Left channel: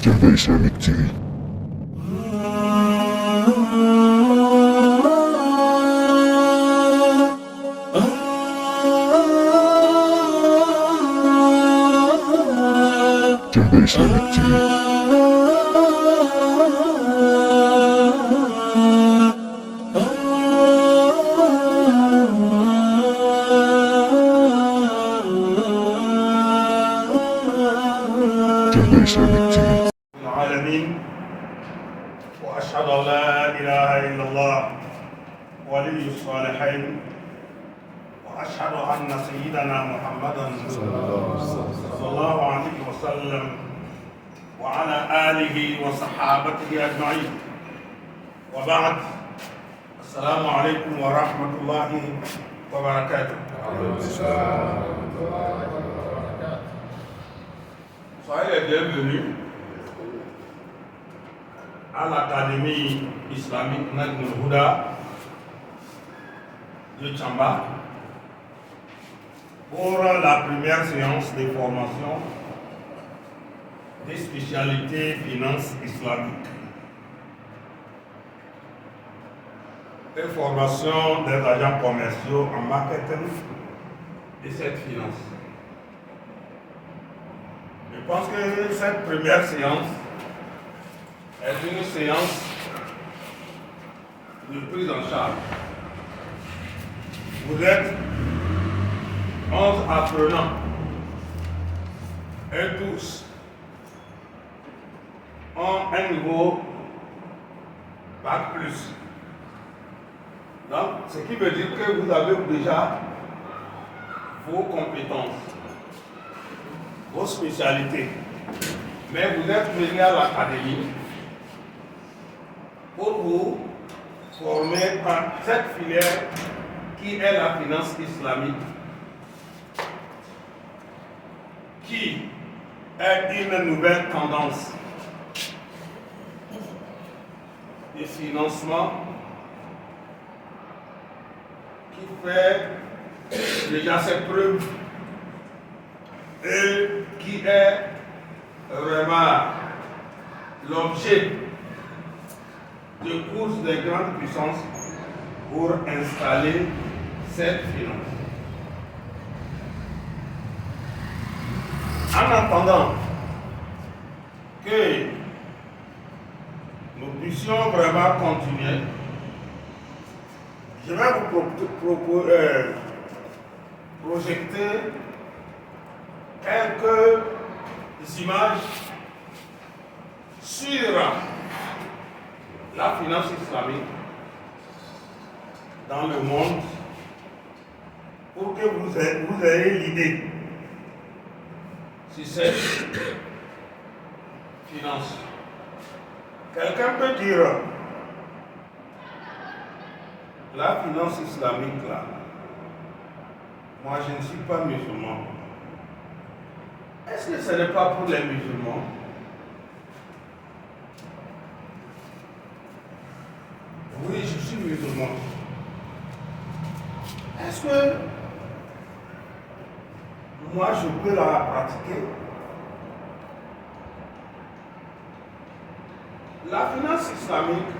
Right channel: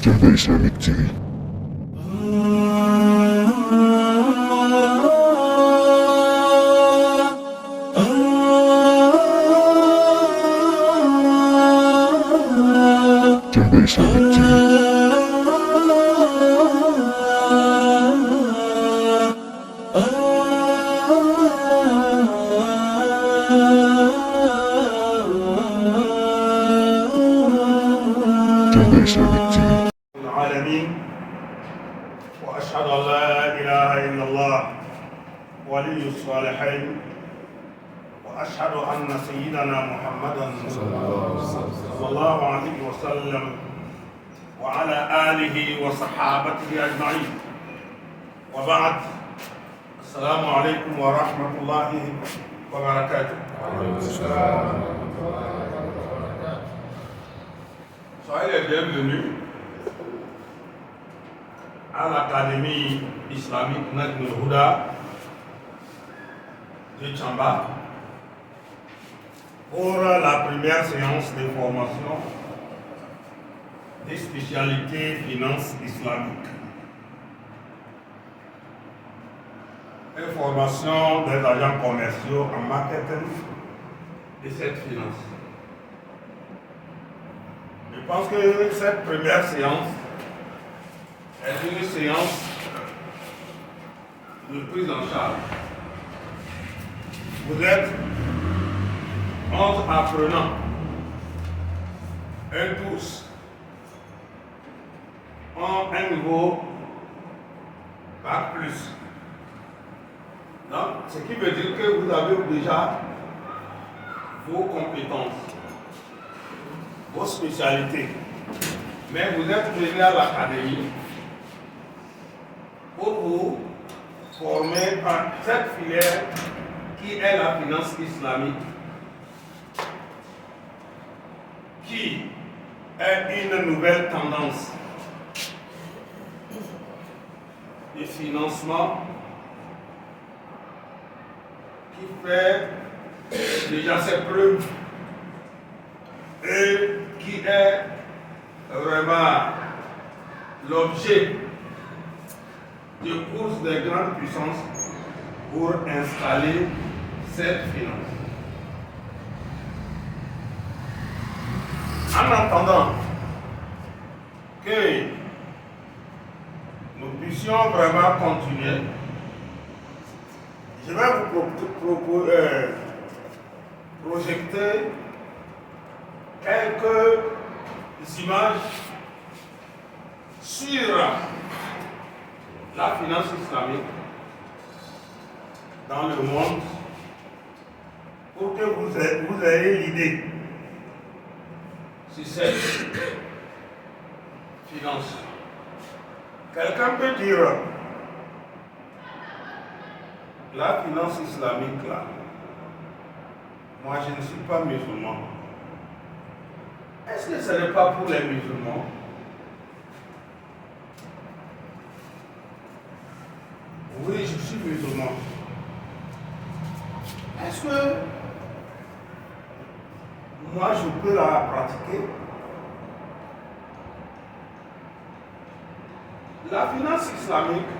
Jada Islamic TV. Jada Islamic TV. Jada Islamic TV. العالمين وأشهد أن لا إله إلا الله ولي الصالحين وأشهد أن سيدنا محمدا صلى الله عليه وسلم وعلى آله وصحابته أجمعين وبعد السلام عليكم ورحمة الله وبركاته. Soyez les bienvenus à l'Académie islamique Najm al-Huda de Tchamba pour la première séance de formation des spécialités finances islamiques et formation des agents commerciaux en marketing de cette finance. Je pense que cette première séance est une séance de prise en charge. Vous êtes 11 apprenants et tous ont un niveau Bac+. Donc, ce qui veut dire que vous avez déjà vos compétences, vos spécialités, mais vous êtes venus à l'académie pour vous former dans cette filière qui est la finance islamique, qui est une nouvelle tendance de financement qui fait déjà ses preuves et qui est vraiment l'objet de courses des grandes puissances pour installer cette finance. En attendant que nous puissions vraiment continuer, je vais vous projeter quelques images sur la finance islamique dans le monde pour que vous ayez l'idée sur cette finance. Quelqu'un peut dire la finance islamique là, moi je ne suis pas musulman. Est-ce que ce n'est pas pour les musulmans? Oui, je suis musulman. Est-ce que moi je peux la pratiquer? La finance islamique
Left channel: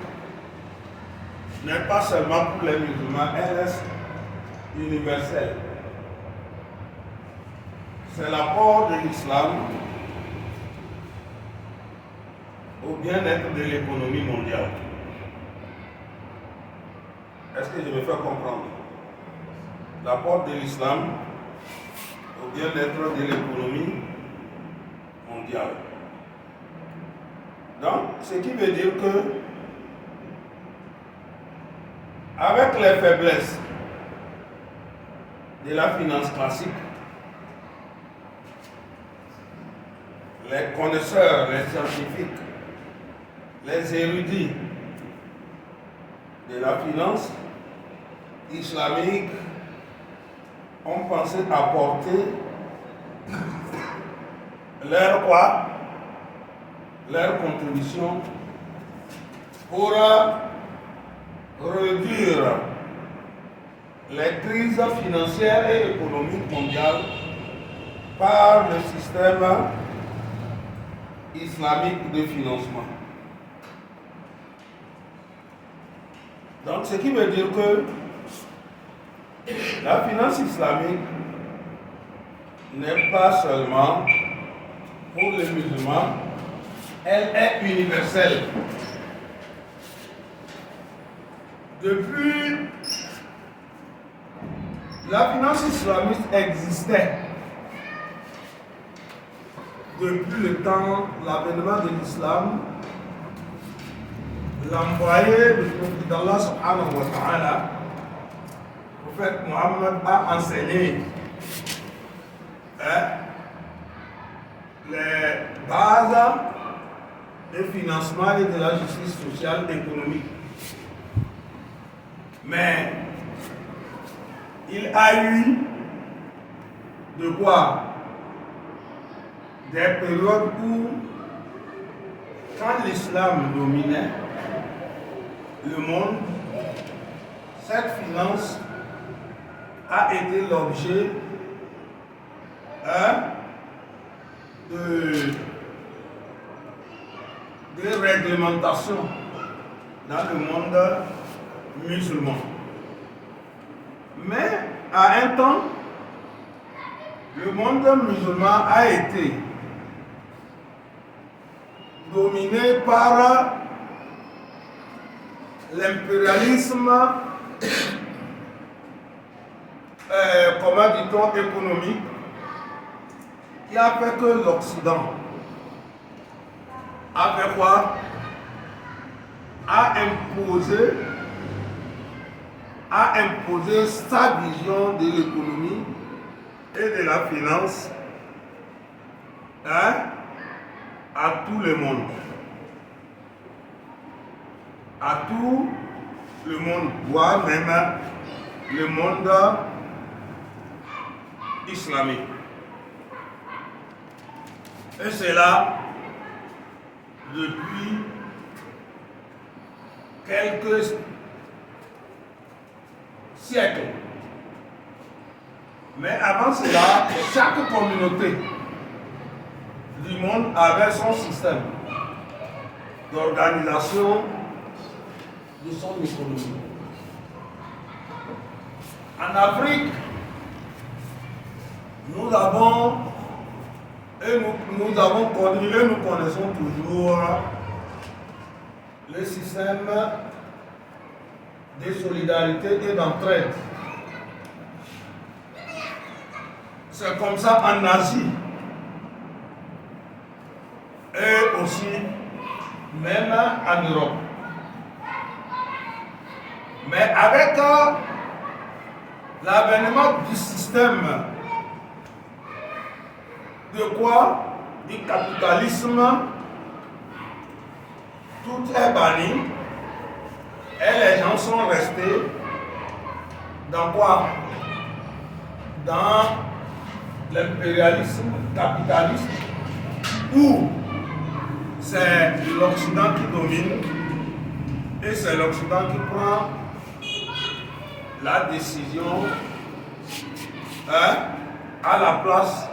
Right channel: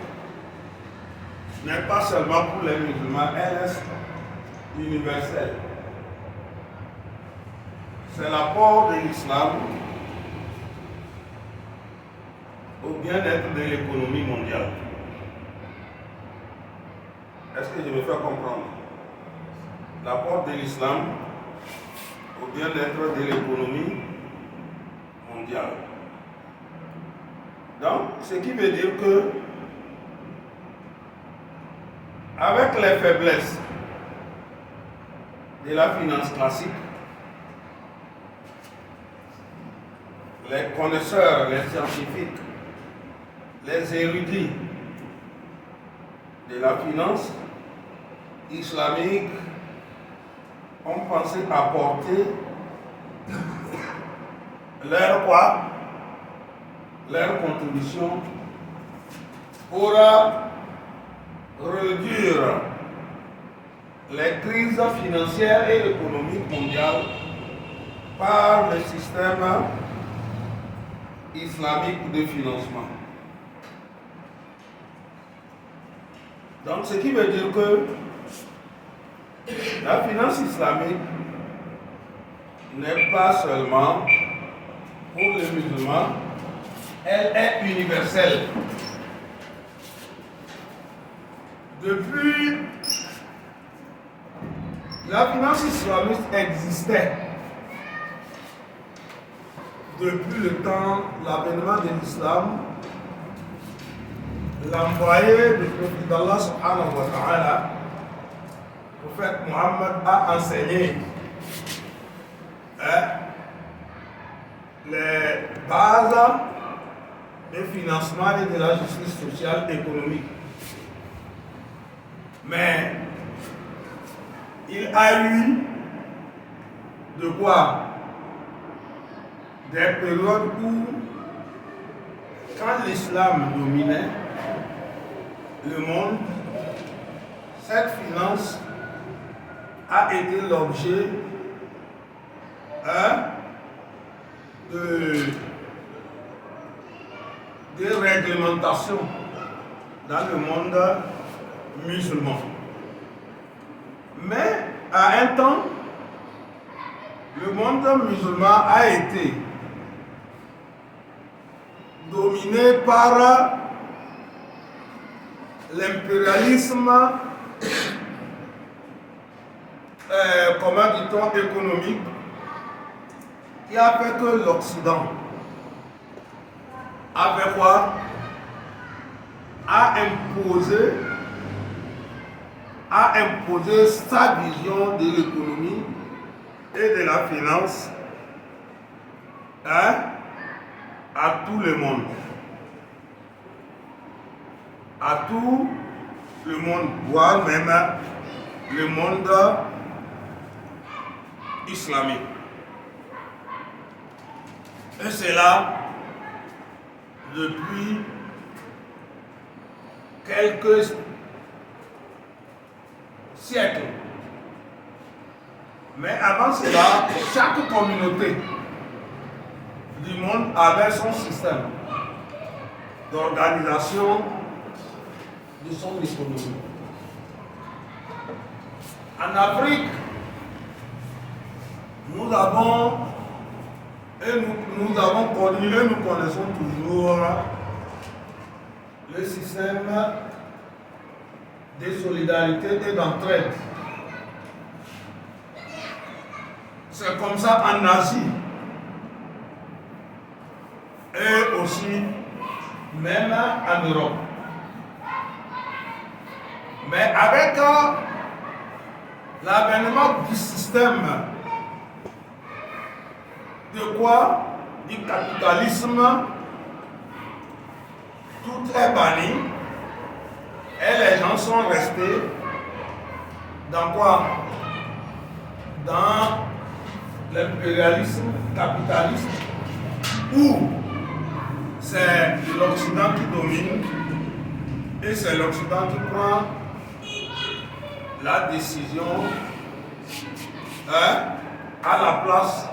n'est pas seulement pour les musulmans, elle reste universelle. C'est l'apport de l'islam au bien-être de l'économie mondiale. Est-ce que je me fais comprendre? L'apport de l'islam au bien-être de l'économie mondiale. Donc, ce qui veut dire que, avec les faiblesses de la finance classique, les connaisseurs, les scientifiques, les érudits de la finance islamique ont pensé apporter leur contribution pour réduire les crises financières et économiques mondiales par le système islamique de financement. Donc, ce qui veut dire que la finance islamique n'est pas seulement pour les musulmans, elle est universelle. Depuis, la finance islamiste existait depuis le temps, l'avènement de l'islam. L'envoyé du prophète d'Allah subhanahu wa ta'ala, le prophète Mohammed, a enseigné les bases du financement et de la justice sociale et économique. Mais il a eu de quoi des périodes où, quand l'islam dominait le monde, cette finance a été l'objet de réglementation dans le monde musulman. Mais à un temps, le monde musulman a été dominé par l'impérialisme, comment dit-on, économique, qui a fait que l'Occident a fait quoi? A imposé sa vision de l'économie et de la finance à tout le monde. À tout le monde, voire même le monde islamique. Et c'est là, depuis quelques siècles. Mais avant cela, chaque communauté du monde avait son système d'organisation de son économie. En Afrique, nous avons connu et nous connaissons toujours le système de solidarité et d'entraide. C'est comme ça en Asie et aussi même en Europe. Mais avec l'avènement du système de quoi? Du capitalisme, tout est banni et les gens sont restés dans quoi? Dans l'impérialisme capitaliste où c'est l'Occident qui domine et c'est l'Occident qui prend la décision à la place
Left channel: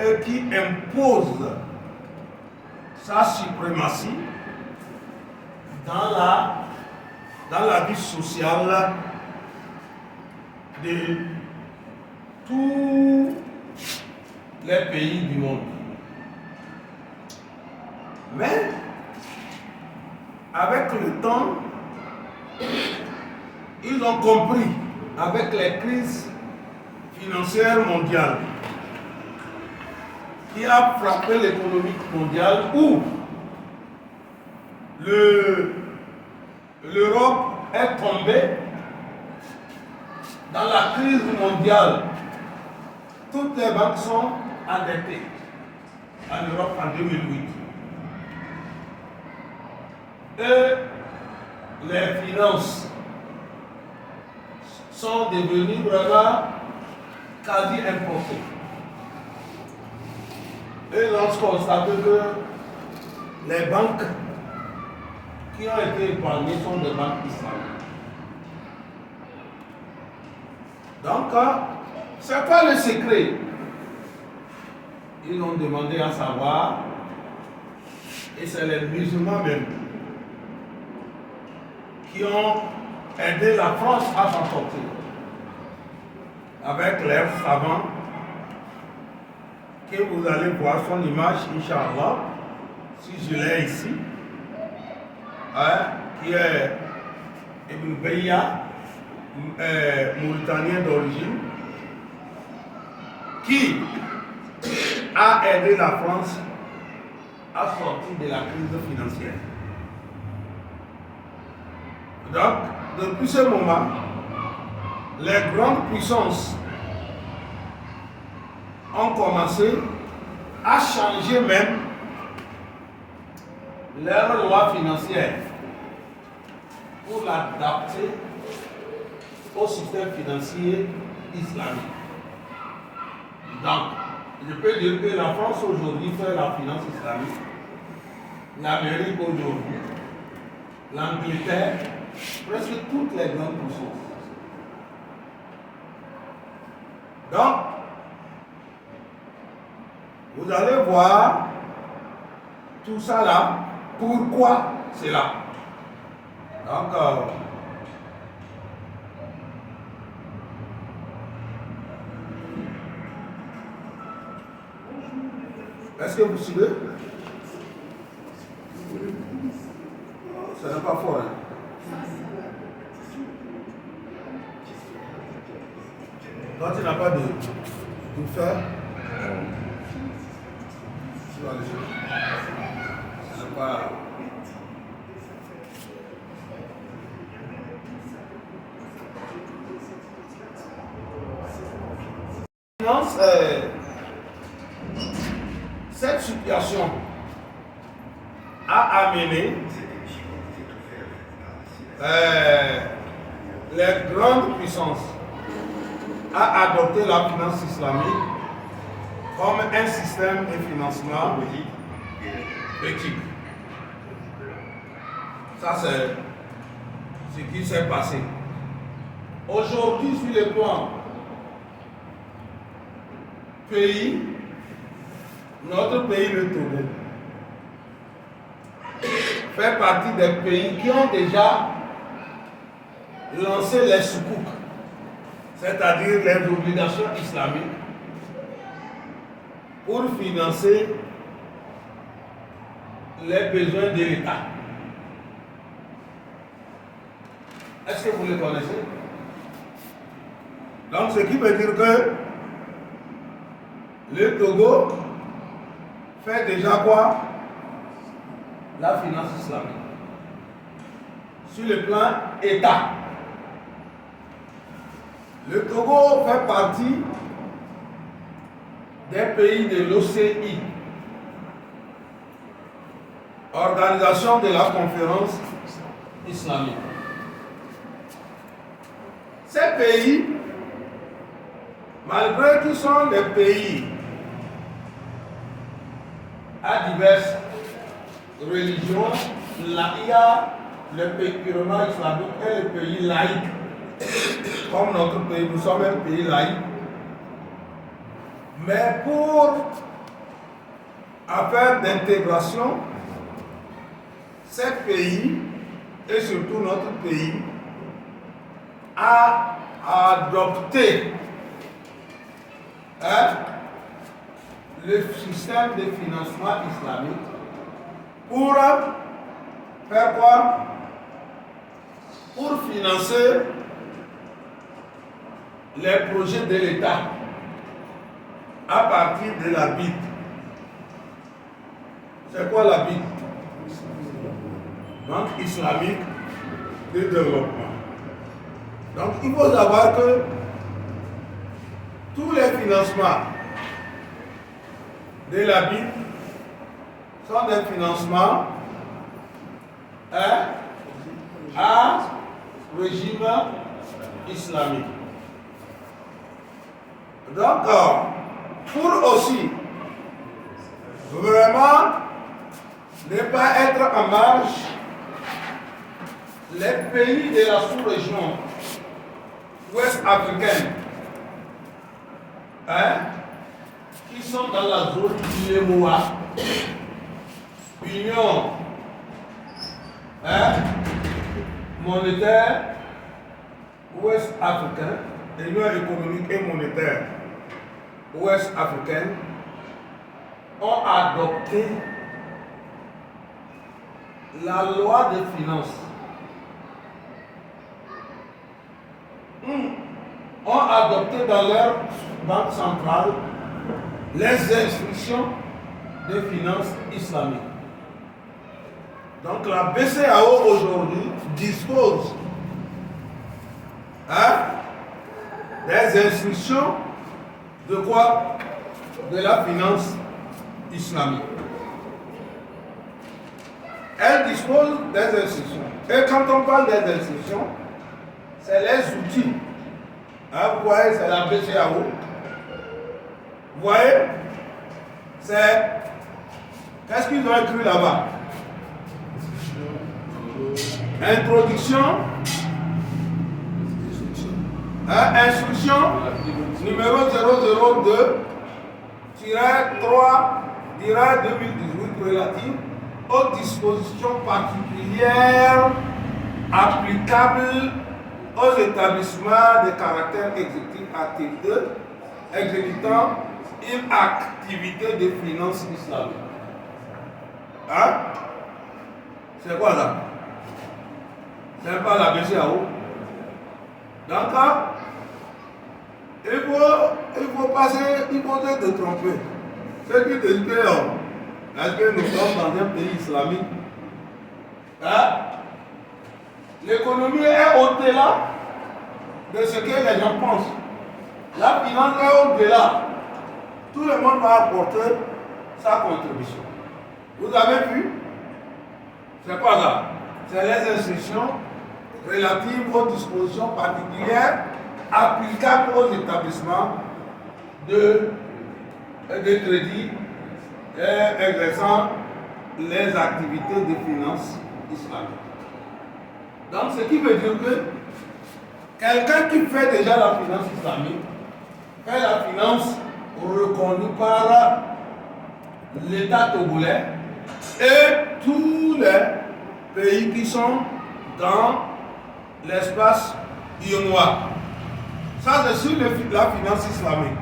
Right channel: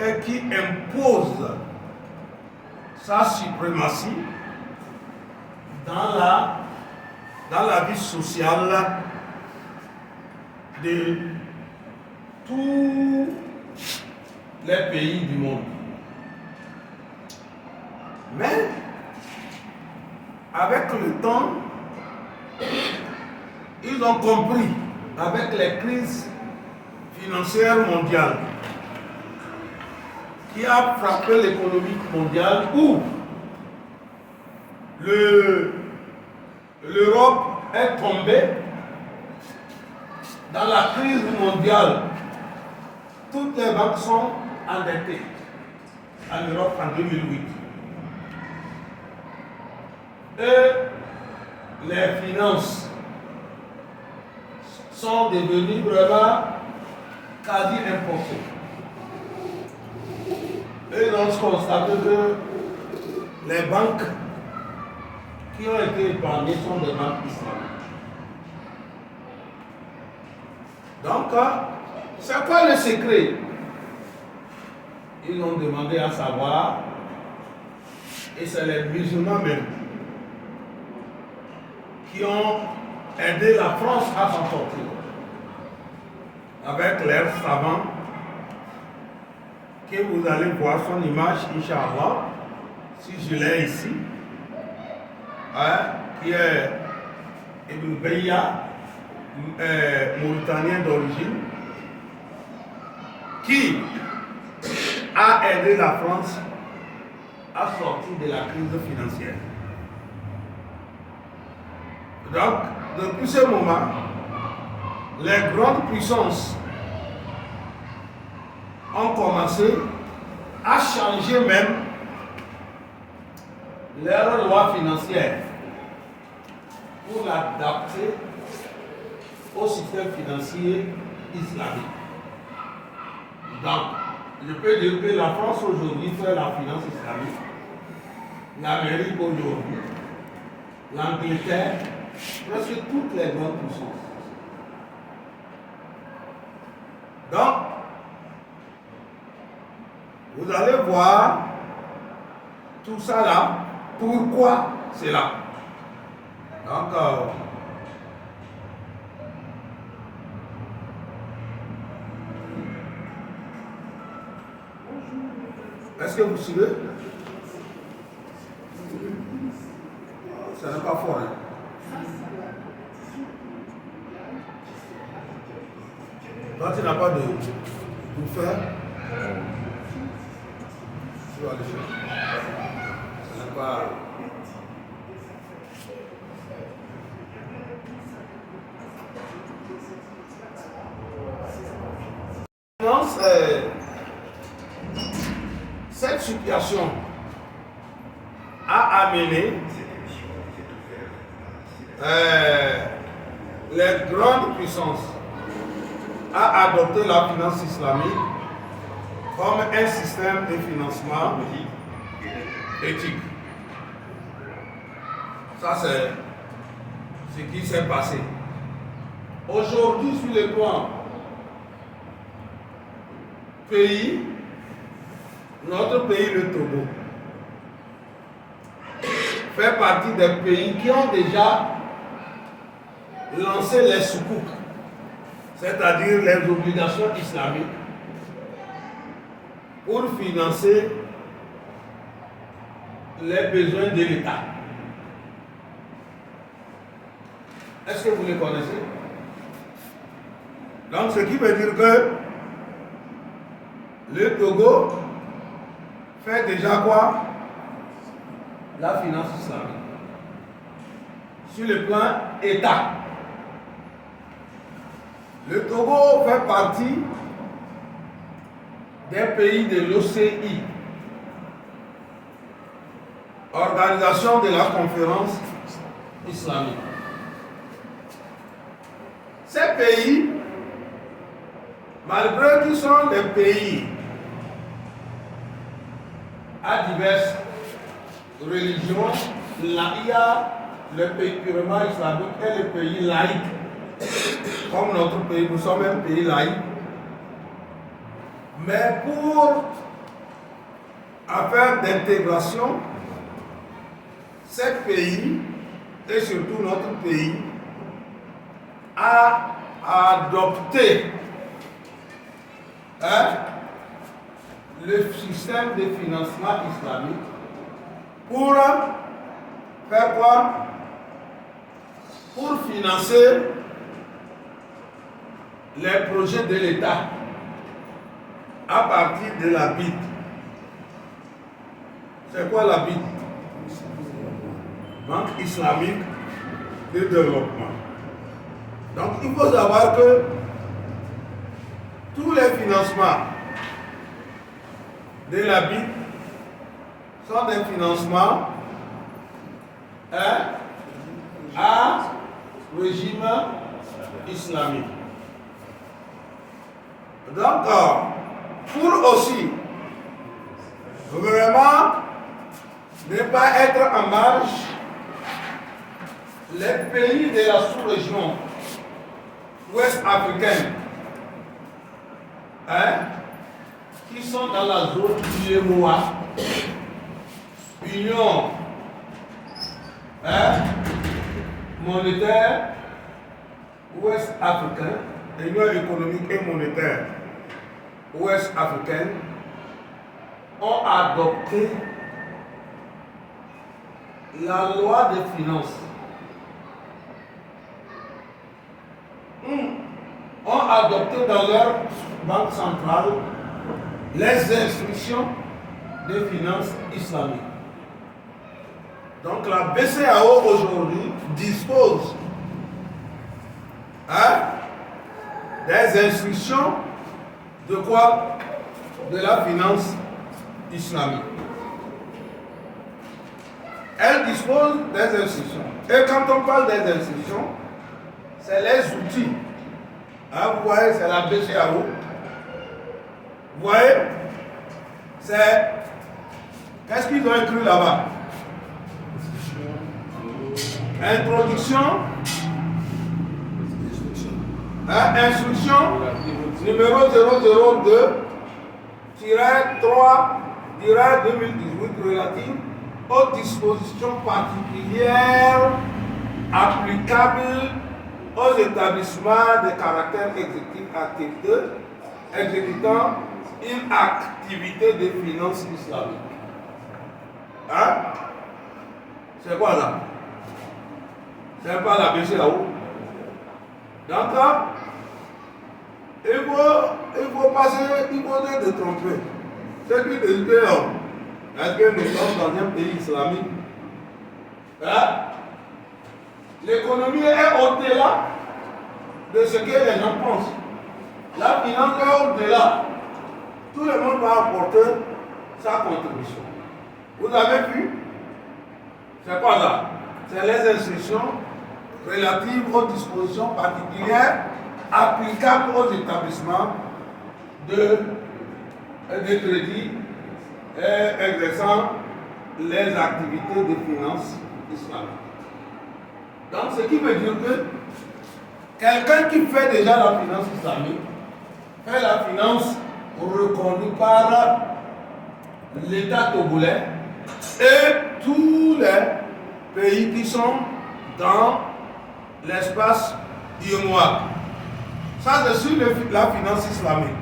et qui impose sa suprématie dans la vie sociale de tous les pays du monde. Mais avec le temps, ils ont compris, avec les crises financières mondiales qui a frappé l'économie mondiale, où l'Europe est tombée dans la crise mondiale. Toutes les banques sont endettées en Europe en 2008. Et les finances sont devenues vraiment quasi importées. Et l'on constate que les banques qui ont été épargnées sont des banques islamiques. Donc, c'est quoi le secret? Ils ont demandé à savoir Et c'est les musulmans même qui ont aidé la France à s'en sortir. Avec l'air savant, que vous allez voir son image, Inch'Allah, si je l'ai ici, hein, qui est Ibn Beya, mauritanien d'origine, qui a aidé la France à sortir de la crise financière. Donc, depuis ce moment, les grandes puissances ont commencé à changer même leur loi financière pour l'adapter au système financier islamique. Donc, je peux dire que la France aujourd'hui fait la finance islamique, l'Amérique aujourd'hui, l'Angleterre, presque toutes les grandes puissances. Donc, vous allez voir tout ça là, pourquoi c'est là. Donc, est-ce que vous suivez? Ça n'est pas fort. Hein? Quand tu n'as pas de faire, tu vas le faire. Ça n'est pas. Cette situation a amené les grandes puissances à adopter la finance islamique comme un système de financement éthique. Ça, c'est ce qui s'est passé. Aujourd'hui, sur le plan pays, notre pays, le Togo, fait partie des pays qui ont déjà lancé les soukouk, c'est-à-dire les obligations islamiques, pour financer les besoins de l'État. Est-ce que vous les connaissez? Donc, ce qui veut dire que le Togo fait déjà quoi? La finance islamique. Sur le plan État. Le Togo fait partie des pays de l'OCI, Organisation de la Conférence islamique. Ces pays, malgré qu'ils sont des pays à diverses religions, il y a le pays purement islamique et le pays laïque. Comme notre pays, nous sommes un pays laïque. Mais pour affaire d'intégration, ces pays, et surtout notre pays, a adopté le système de financement islamique pour faire quoi? Pour financer les projets de l'État à partir de la BID. C'est quoi la BID? Banque islamique de développement. Donc il faut savoir que tous les financements de la BID sont des financements à régime islamique. Donc, pour aussi vraiment ne pas être en marge, les pays de la sous-région ouest africaine, qui sont dans la zone du Yemoa, union monétaire ouest africaine, union économique et monétaire ouest africaine ont adopté la loi des finances. Ont adopté dans leur banque centrale les instructions des finances islamiques. Donc la BCEAO aujourd'hui dispose des instructions de quoi? De la finance islamique. Elle dispose des instructions. Et quand on parle des instructions, c'est les outils. Vous voyez, c'est la BCEAO. Vous voyez, c'est... Qu'est-ce qu'ils ont écrit là-bas? Introduction. Instruction numéro 002-3-2018 relative aux dispositions particulières applicables aux établissements de caractère exécutif exécutant une activité de finance islamique. C'est quoi là? C'est pas la BCEAO. Donc là, il faut passer, il faut être trompé. Ceux qui disent que est-ce que nous sommes dans un pays islamique? L'économie est au-delà de ce que les gens pensent. La finance est au-delà. Tout le monde va apporter sa contribution. Vous avez vu? C'est pas ça. C'est les instructions relatives aux dispositions particulières applicables aux établissements de crédit et exerçant les activités de finance islamique. Donc, ce qui veut dire que quelqu'un qui fait déjà la finance islamique fait la finance reconnue par l'État togolais et tous les pays qui sont dans l'espace ionois. Ça, c'est sur la finance islamique.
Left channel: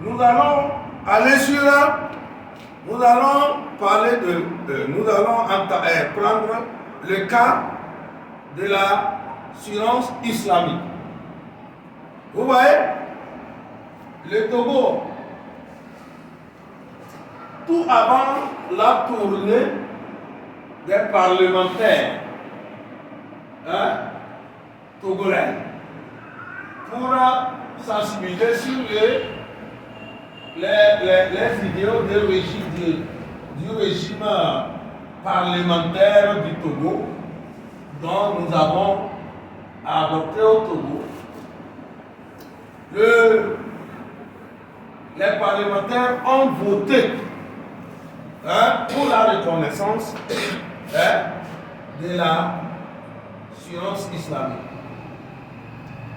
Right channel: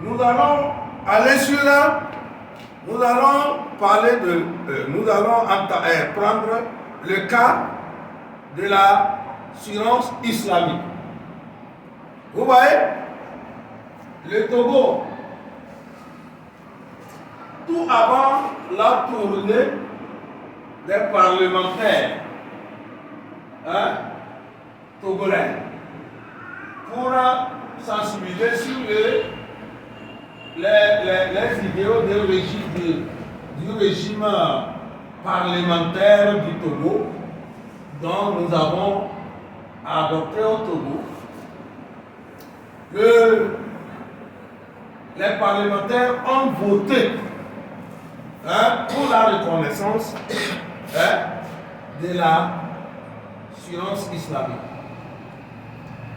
Nous allons aller sur là, nous allons parler de, nous allons prendre le cas de la finance islamique. Vous voyez, le Togo, tout avant la tournée des parlementaires togolais pour sensibiliser sur les idéaux du régime parlementaire du Togo dont nous avons adopté au Togo. Les parlementaires ont voté pour la reconnaissance de la finance islamique.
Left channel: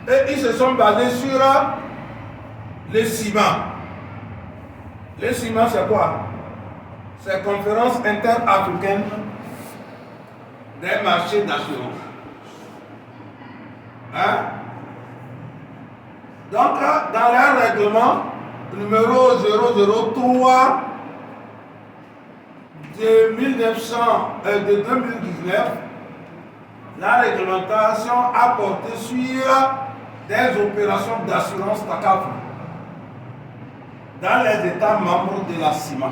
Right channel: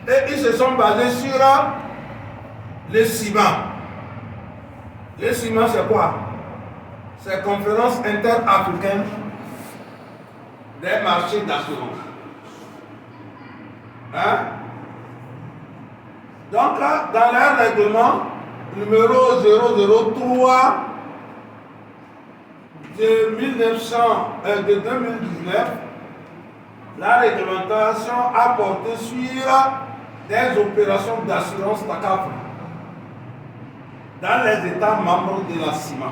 Et ils se sont basés sur le CIMA. Le CIMA, c'est quoi? C'est Conférence interafricaine des marchés d'assurance. Donc, dans leur règlement numéro 003 de 2019, la réglementation a porté sur des opérations d'assurance TACAF dans les États membres de la CIMA.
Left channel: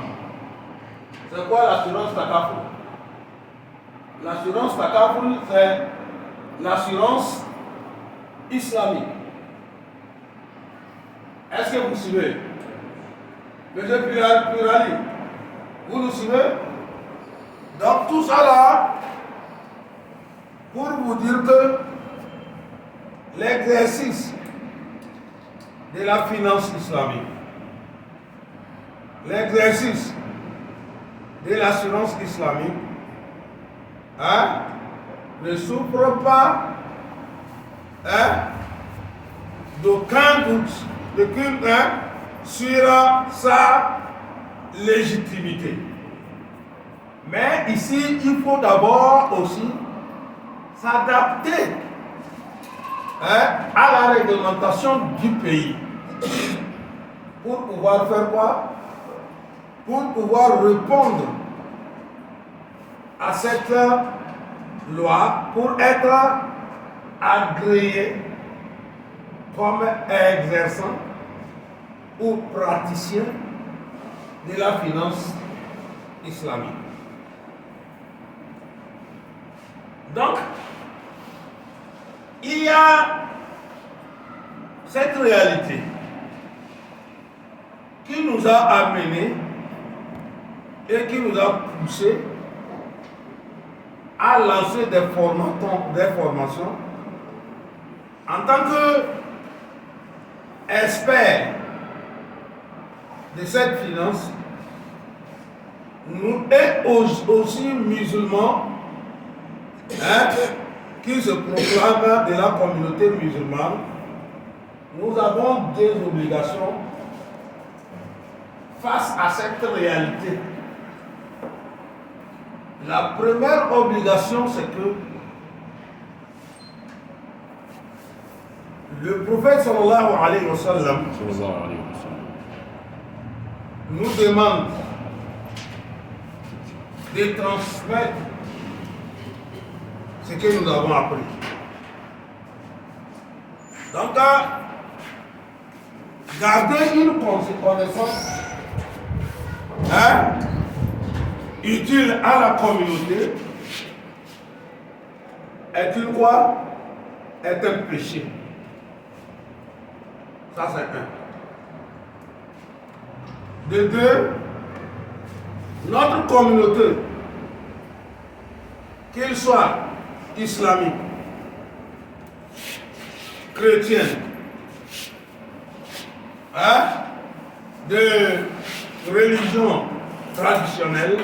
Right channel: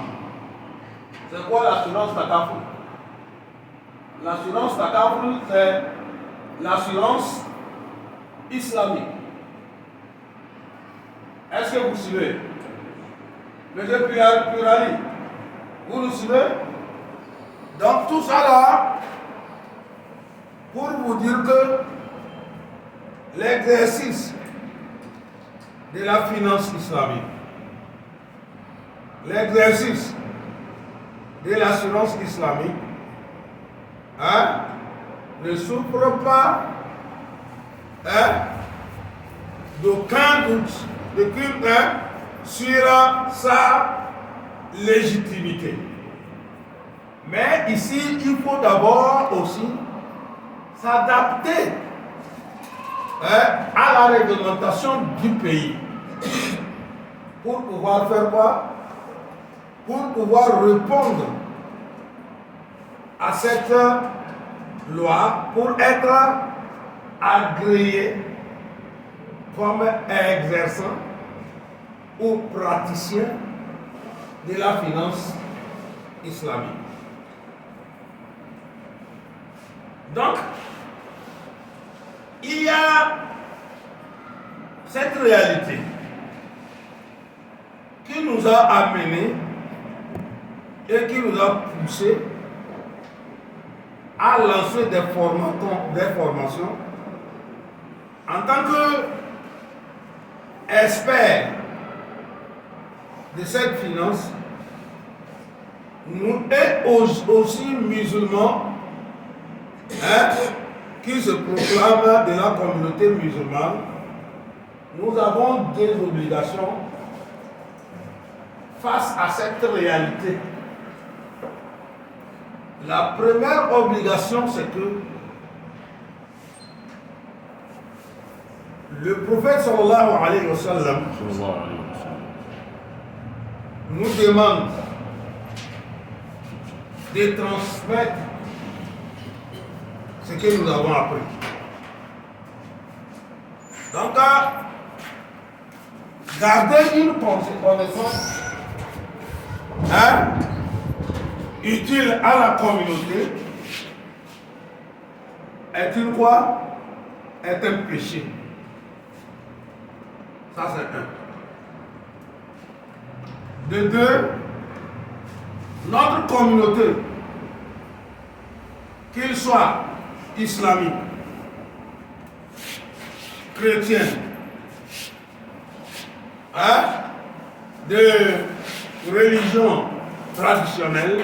C'est quoi l'assurance TACAF? L'assurance TACAF, c'est l'assurance islamique. Est-ce que vous suivez? Monsieur Purali, vous nous suivez? Donc tout ça là, pour vous dire que l'exercice de la finance islamique, l'exercice de l'assurance islamique, ne souffre pas d'aucun doute sur sa légitimité. Mais ici, il faut d'abord aussi s'adapter à la réglementation du pays. Pour pouvoir faire quoi? Pour pouvoir répondre à cette loi, pour être agréé comme exerçant ou praticien de la finance islamique. Donc, il y a cette réalité qui nous a amenés et qui nous a poussés à lancer des formations en tant qu'experts de cette finance, nous et aussi musulmans qui se proclament de la communauté musulmane, nous avons des obligations face à cette réalité. La première obligation, c'est que le prophète sallallahu alayhi wa sallam nous demande de transmettre ce que nous avons appris. Donc, garder une connaissance utile à la communauté est une quoi? Est un péché. Ça, c'est un. De deux, notre communauté, qu'il soit islamique, chrétien, de religion traditionnelle,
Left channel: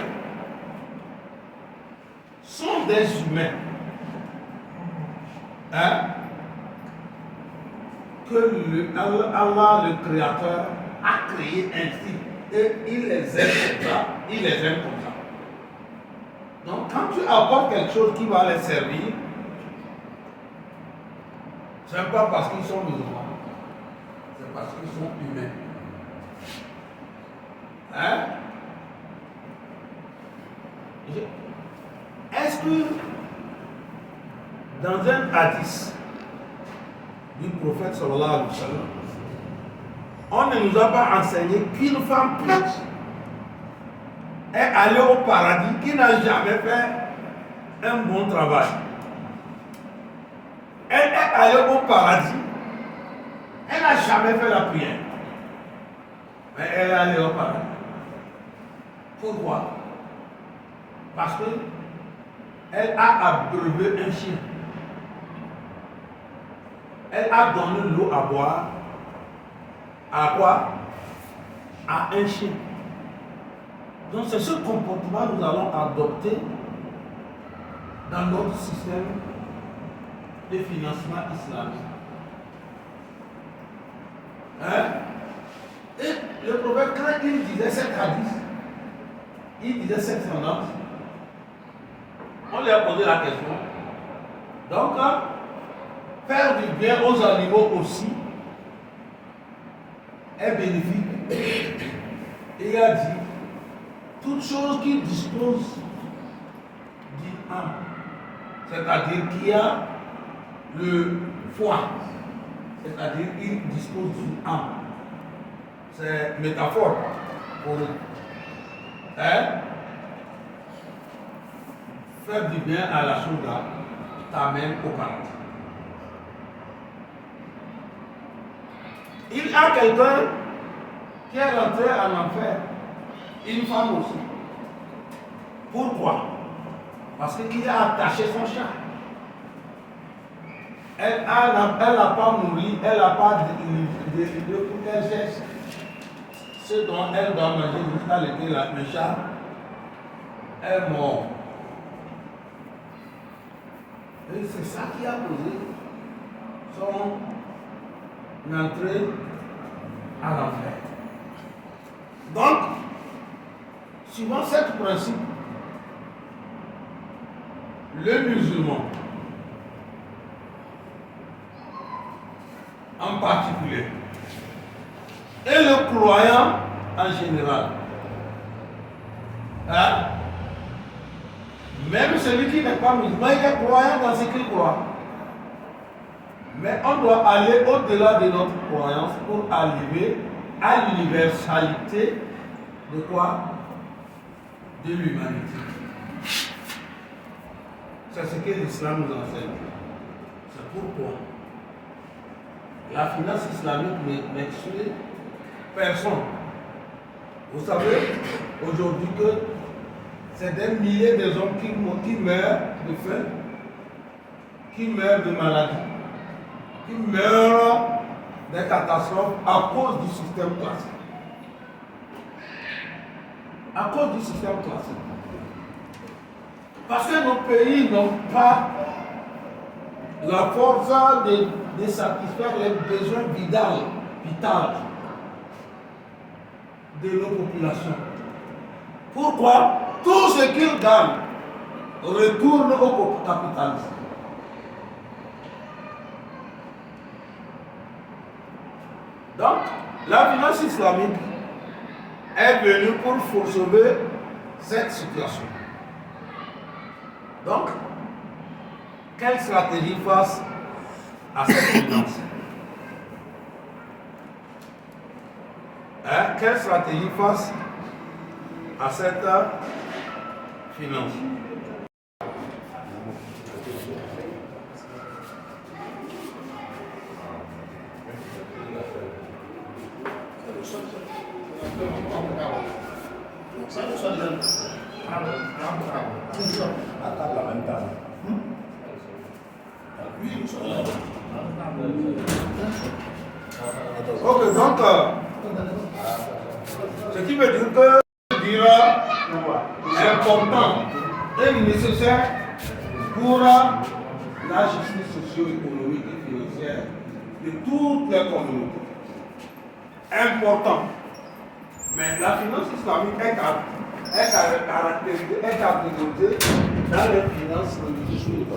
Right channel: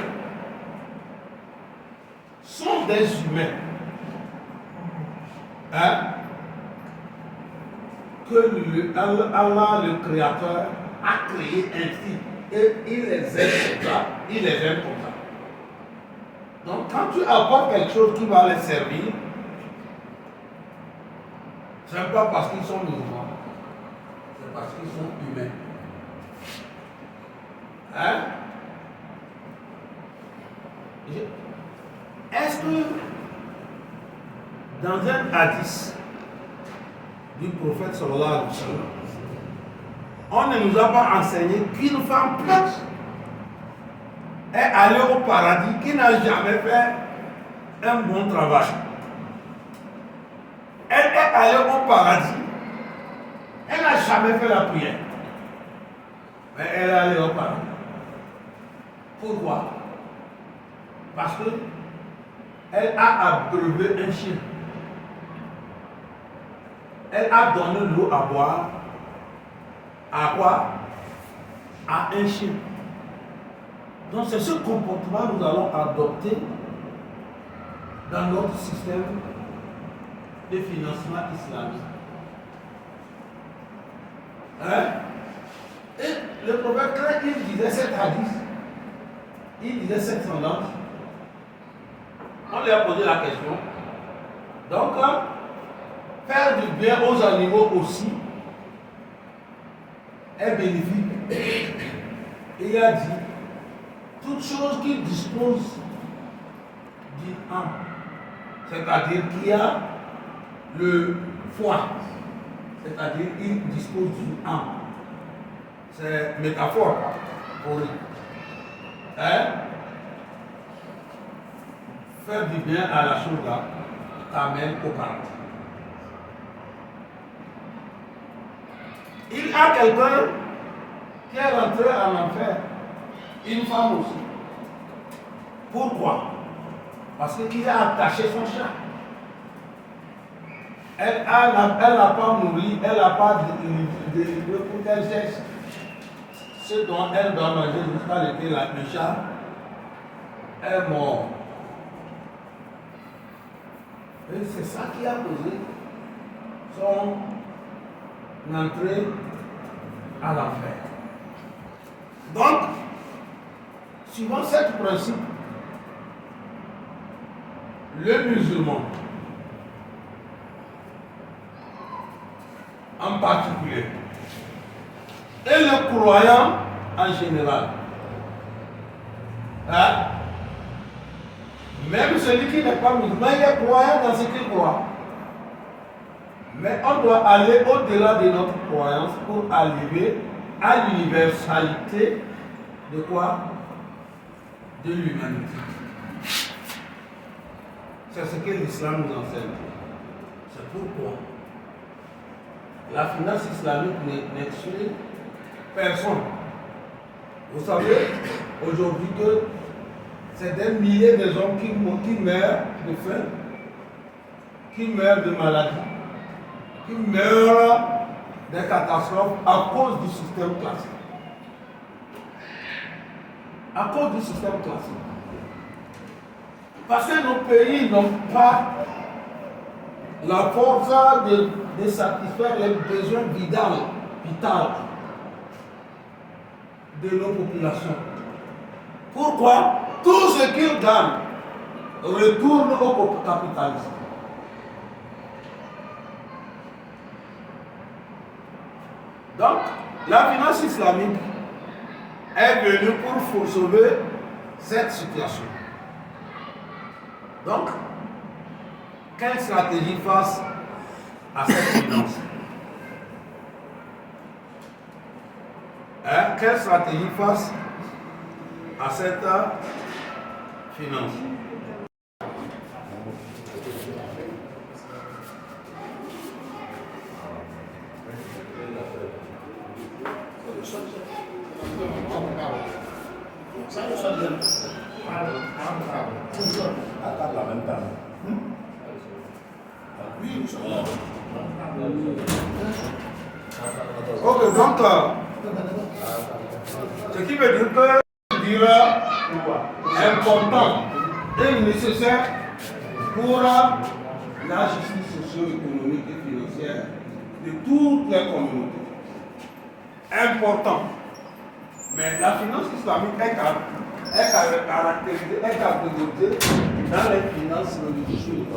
sont des humains que Allah, le Créateur, a créé ainsi. Et il les aime comme ça, il les aime comme ça. Donc quand tu apportes quelque chose qui va les servir, ce n'est pas parce qu'ils sont musulmans, c'est parce qu'ils sont humains. Est-ce que dans un hadith du prophète sallallahu alayhi wa sallam, on ne nous a pas enseigné qu'une femme pute est allée au paradis, qui n'a jamais fait un bon travail? Elle est allée au paradis, elle n'a jamais fait la prière, mais elle est allée au paradis. Pourquoi? Parce que elle a abreuvé un chien. Elle a donné de l'eau à boire. À quoi? À un chien. Donc c'est ce comportement que nous allons adopter dans notre système de financement islamique. Et le prophète, quand il disait cet hadith, il disait cette tendance, on lui a posé la question. Donc, faire du bien aux animaux aussi est bénéfique. Il a dit, toute chose qui dispose du âme, c'est-à-dire qui a le foie, c'est-à-dire il dispose d'une âme. C'est métaphore pour lui. Faire du bien à la chose là t'amène au paradis. Il y a quelqu'un qui est rentré en enfer, une femme aussi. Pourquoi? Parce qu'il a attaché son chat. Elle n'a pas nourri, elle n'a pas de pour qu'elle cherche ce dont elle doit manger jusqu'à l'été, le chat est mort. Et c'est ça qui a causé son entrée à l'enfer. Donc, suivant ce principe, le musulman, en particulier, et le croyant en général. Hein? Même celui qui n'est pas musulman, il est croyant dans ce qu'il croit. Mais on doit aller au-delà de notre croyance pour arriver à l'universalité de quoi? De l'humanité. C'est ce que l'islam nous enseigne. C'est pourquoi la finance islamique n'exclut personne. Vous savez, aujourd'hui que c'est des milliers de gens qui meurent de faim, qui meurent de maladie, qui meurent des catastrophes à cause du système classique. À cause du système classique. Parce que nos pays n'ont pas la force de satisfaire les besoins vitaux de nos populations. Pourquoi? Tout ce qu'ils gagnent retourne au capitalisme. Donc, la finance islamique est venue pour sauver cette situation. Donc, quelle stratégie face à cette finance? Quelle stratégie face à cette finance? Ok, donc, ce qui veut dire que dira important et nécessaire pour la justice socio-économique et financière de toutes les communautés. Important. Mais la finance islamique est catégorisée dans les finances religieuses.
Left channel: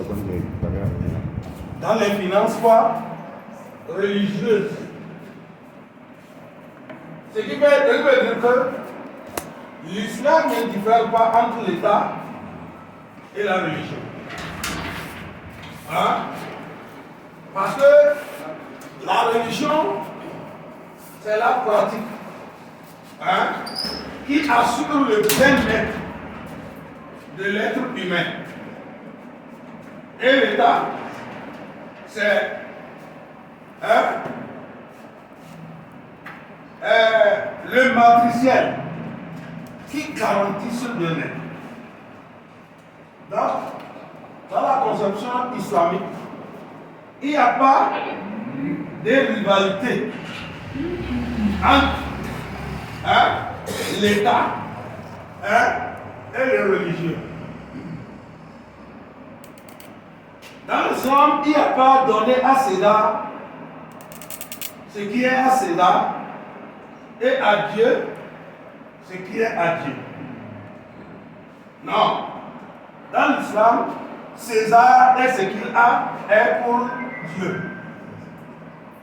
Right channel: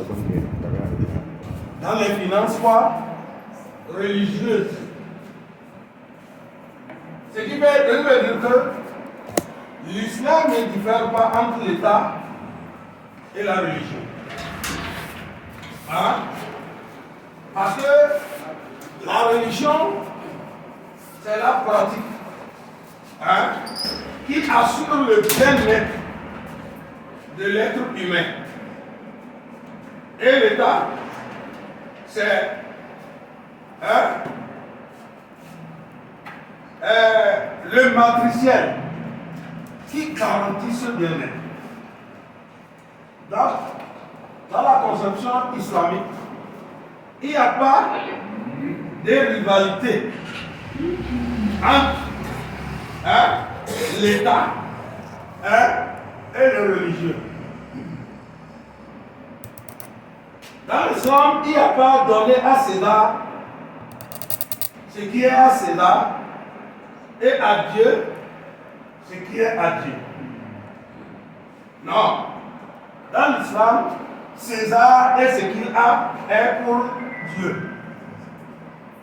Dans les finances religieuses. Ce qui veut dire que l'islam ne diffère pas entre l'État et la religion. Hein? Parce que la religion, c'est la pratique, hein, qui assure le bien-être de l'être humain. Et l'État, c'est le matriciel qui garantit ce bien-être. Donc, dans la conception islamique, il n'y a pas de rivalité entre l'État et le religieux. Dans l'islam, il n'y a pas donné à César ce qui est à César et à Dieu ce qui est à Dieu. Non. Dans l'islam, César est ce qu'il a est pour Dieu.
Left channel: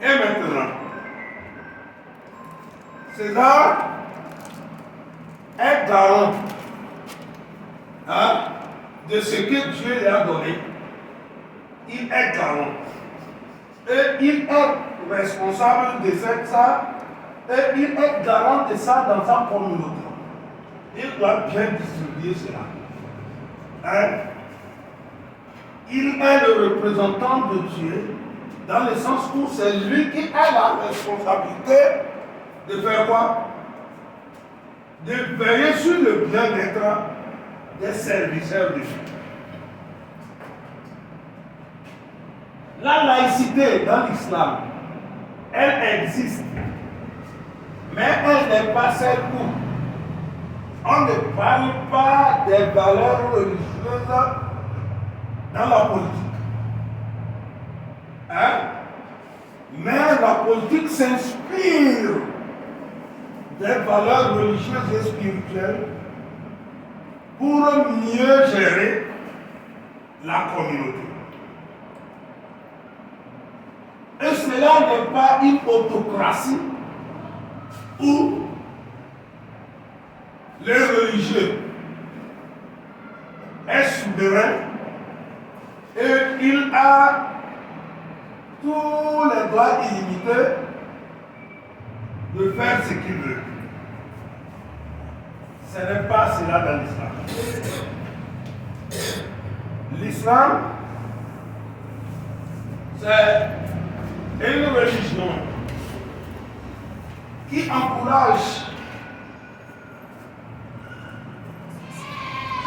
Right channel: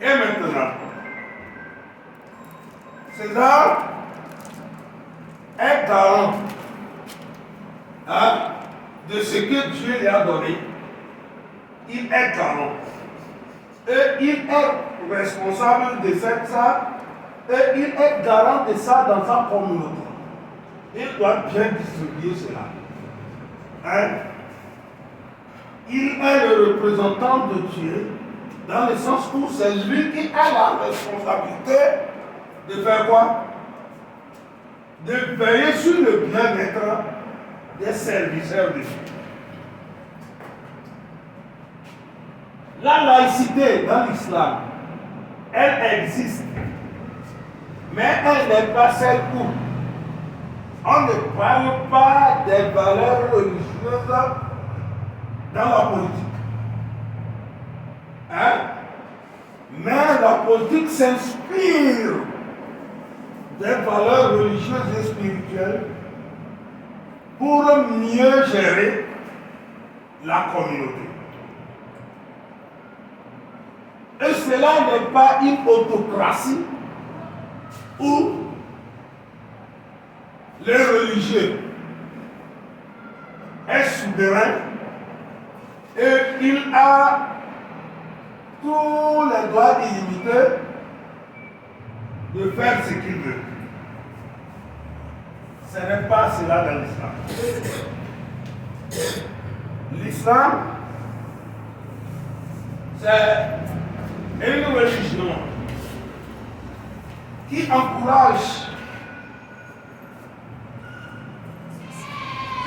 Et maintenant, César est garant de ce que Dieu lui a donné. Il est garant. Et il est responsable de ça. Et il est garant de ça dans sa communauté. Il doit bien distribuer cela. Il est le représentant de Dieu dans le sens où c'est lui qui a la responsabilité de faire quoi? De veiller sur le bien-être des serviteurs de Dieu. La laïcité dans l'islam, elle existe, mais elle n'est pas celle où on ne parle pas des valeurs religieuses dans la politique. Mais la politique s'inspire des valeurs religieuses et spirituelles pour mieux gérer la communauté. Et cela n'est pas une autocratie où les religieux est souverain et il a tous les droits illimités de faire ce qu'il veut. Ce n'est pas cela dans l'islam. L'islam, c'est une religion qui encourage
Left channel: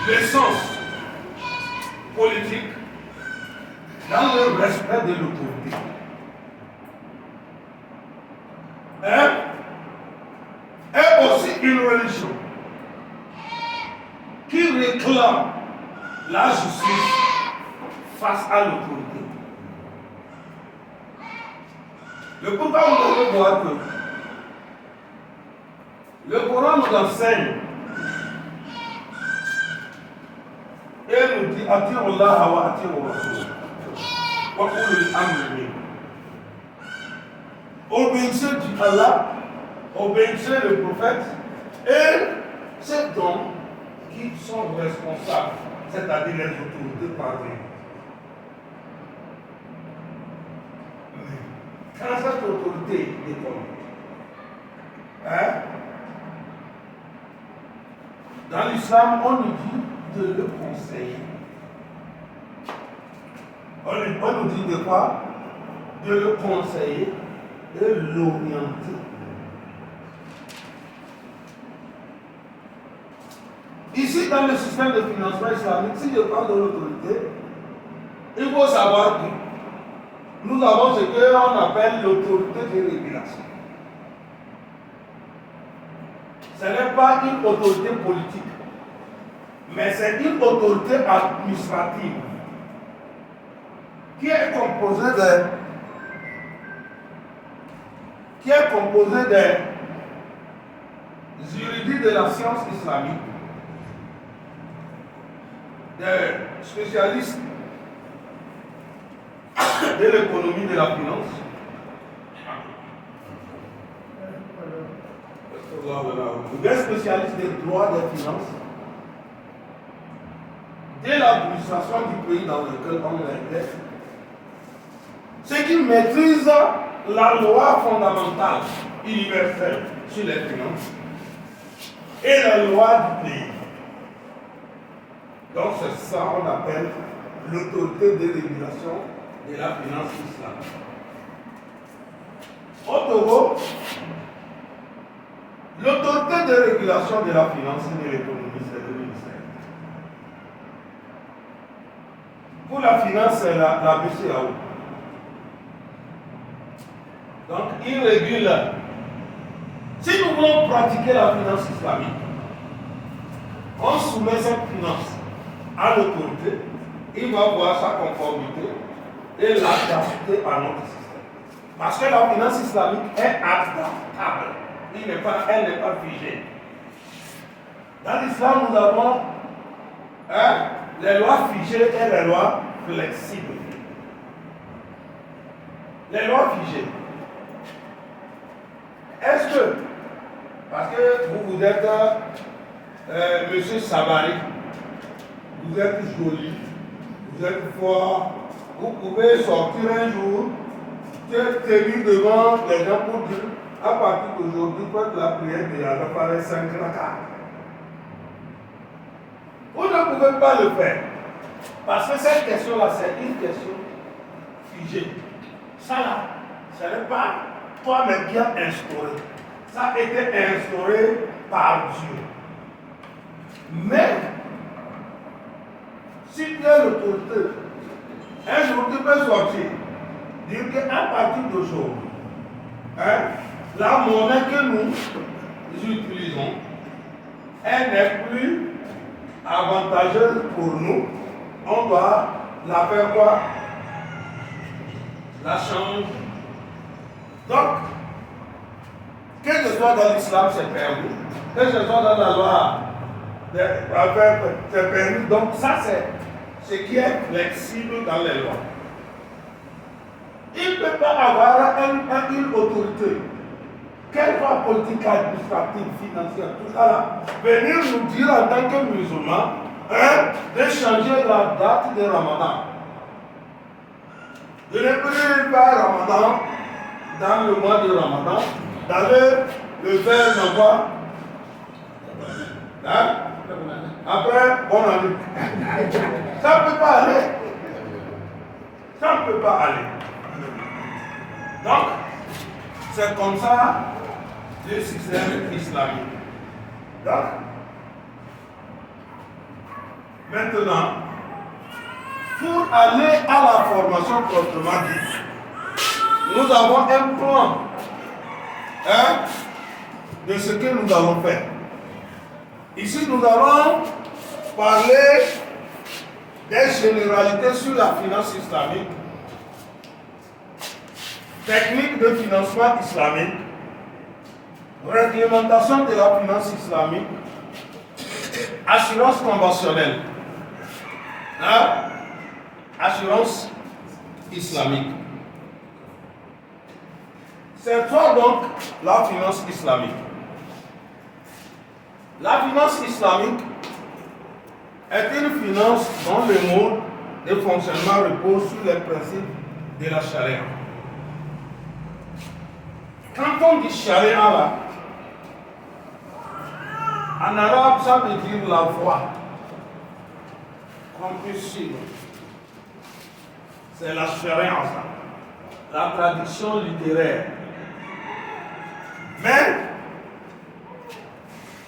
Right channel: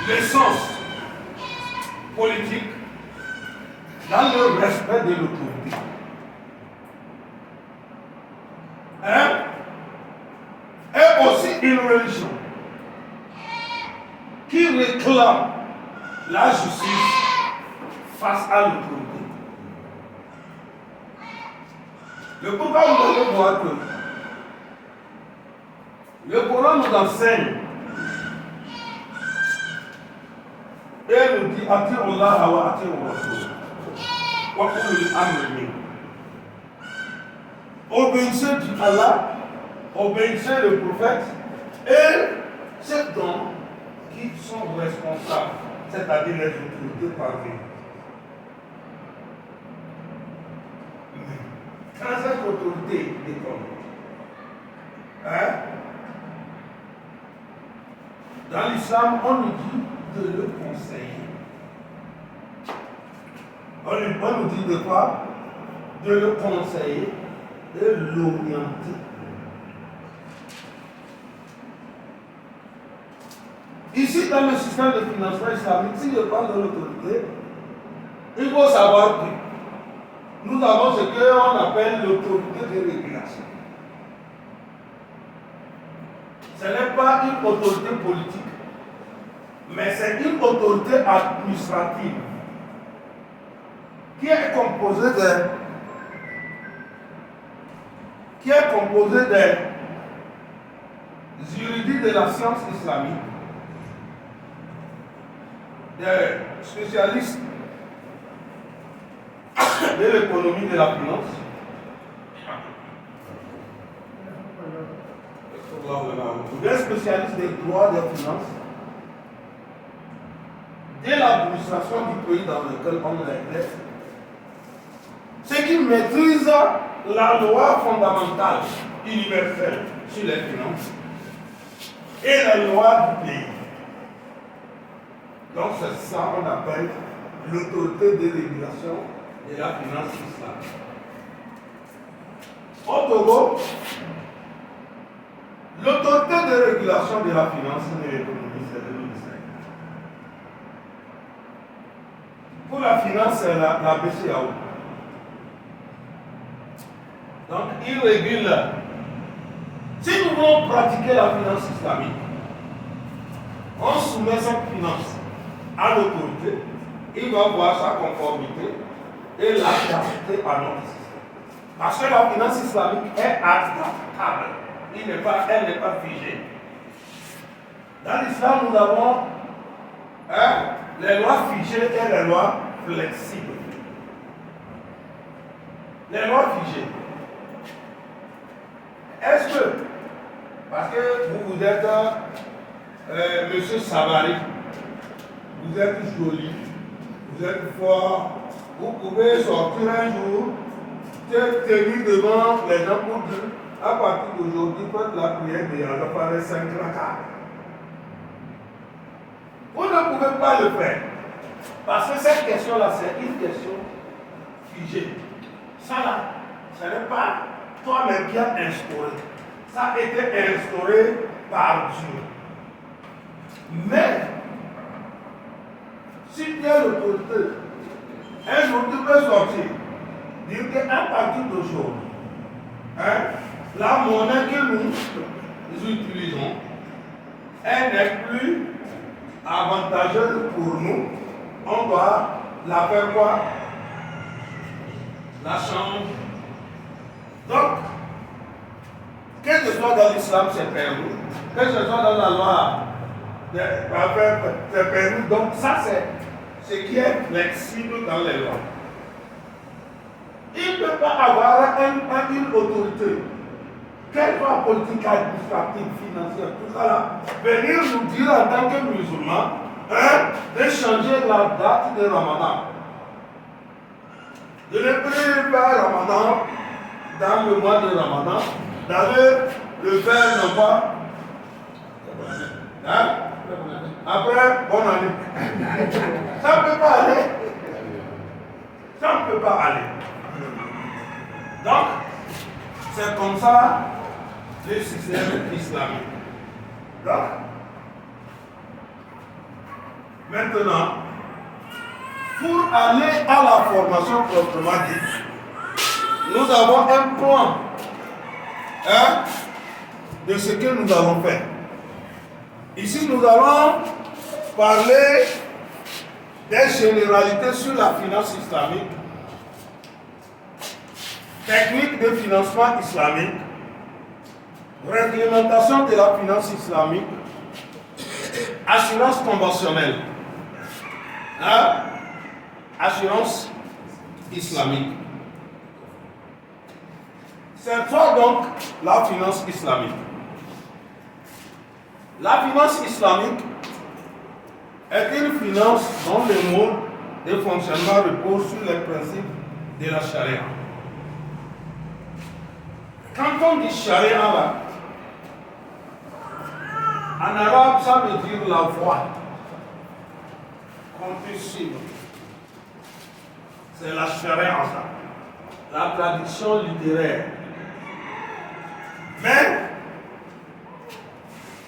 le sens politique dans le respect de l'autorité. Et aussi une religion qui réclame la justice face à l'autorité. Le pourquoi vous devez voir que le Coran nous enseigne et nous dit Ati'u Allah wa ati'u Rasul wa ulil amri minkum. Obéissez Allah, obéissez le prophète et ceux dont qui sont responsables, c'est-à-dire les autorités parlées. Quand cette autorité est tombée, dans l'islam, on nous dit de le conseiller. On nous dit de quoi? De le conseiller et l'orienter. Ici, dans le système de financement islamique, si je parle de l'autorité, il faut savoir que nous avons ce qu'on appelle l'autorité de régulation. Ce n'est pas une autorité politique, mais c'est une autorité administrative qui est composée des juridiques de la science islamique, des spécialistes de l'économie de la finance, des spécialistes des droits des finances, de l'administration du pays dans lequel on est, ceux qui maîtrisent la loi fondamentale universelle sur les finances et la loi du pays. Donc c'est ça qu'on appelle l'autorité de régulation de la finance islamique. Au Togo, l'autorité de régulation de la finance et de l'économie, c'est le ministère. Pour la finance, c'est la BCAO. Donc, il régule. Si nous voulons pratiquer la finance islamique, on soumet cette finance à l'autorité, il va voir sa conformité et l'adapter à notre système. Parce que la finance islamique est adaptable. Elle n'est pas figée. Dans l'islam, nous avons les lois figées et les lois flexibles. Les lois figées. Est-ce que, parce que vous êtes monsieur Savary, vous êtes joli, vous êtes fort, vous pouvez sortir un jour, tenir devant les gens pour dire, à partir d'aujourd'hui, faites la prière de Allah par les 5 rakats. Vous ne pouvez pas le faire. Parce que cette question-là, c'est une question figée. Ça là, ce n'est pas toi-même qui as instauré. Ça a été instauré par Dieu. Mais, si tu as l'autorité, un jour tu peux sortir, dire qu'à partir d'aujourd'hui, la monnaie que nous utilisons, elle n'est plus avantageuse pour nous. On doit la faire quoi? La changer. Donc, que ce soit dans l'islam, c'est permis. Que ce soit dans la loi, c'est permis. Donc, ça, ce qui est flexible dans les lois. Il ne peut pas avoir une autorité, quelle soit politique, administrative, financière, tout ça là, venir nous dire en tant que musulmans, de changer la date de Ramadan. De ne plus pas Ramadan dans le mois de Ramadan, d'aller le faire non pas. Après, bonne année. Ça ne peut pas aller. Ça ne peut pas aller. Donc, c'est comme ça le système islamique. Donc, maintenant, pour aller à la formation proprement dite, nous avons un plan de ce que nous allons faire. Ici, nous allons parler des généralités sur la finance islamique, technique de financement islamique, réglementation de la finance islamique, assurance conventionnelle, assurance islamique. C'est ça donc la finance islamique. La finance islamique est une finance dont le mode de fonctionnement repose sur les principes de la charia. Quand on dit charia là, en arabe ça veut dire la voie qu'on peut suivre. C'est la charia ça, la tradition littéraire. Mais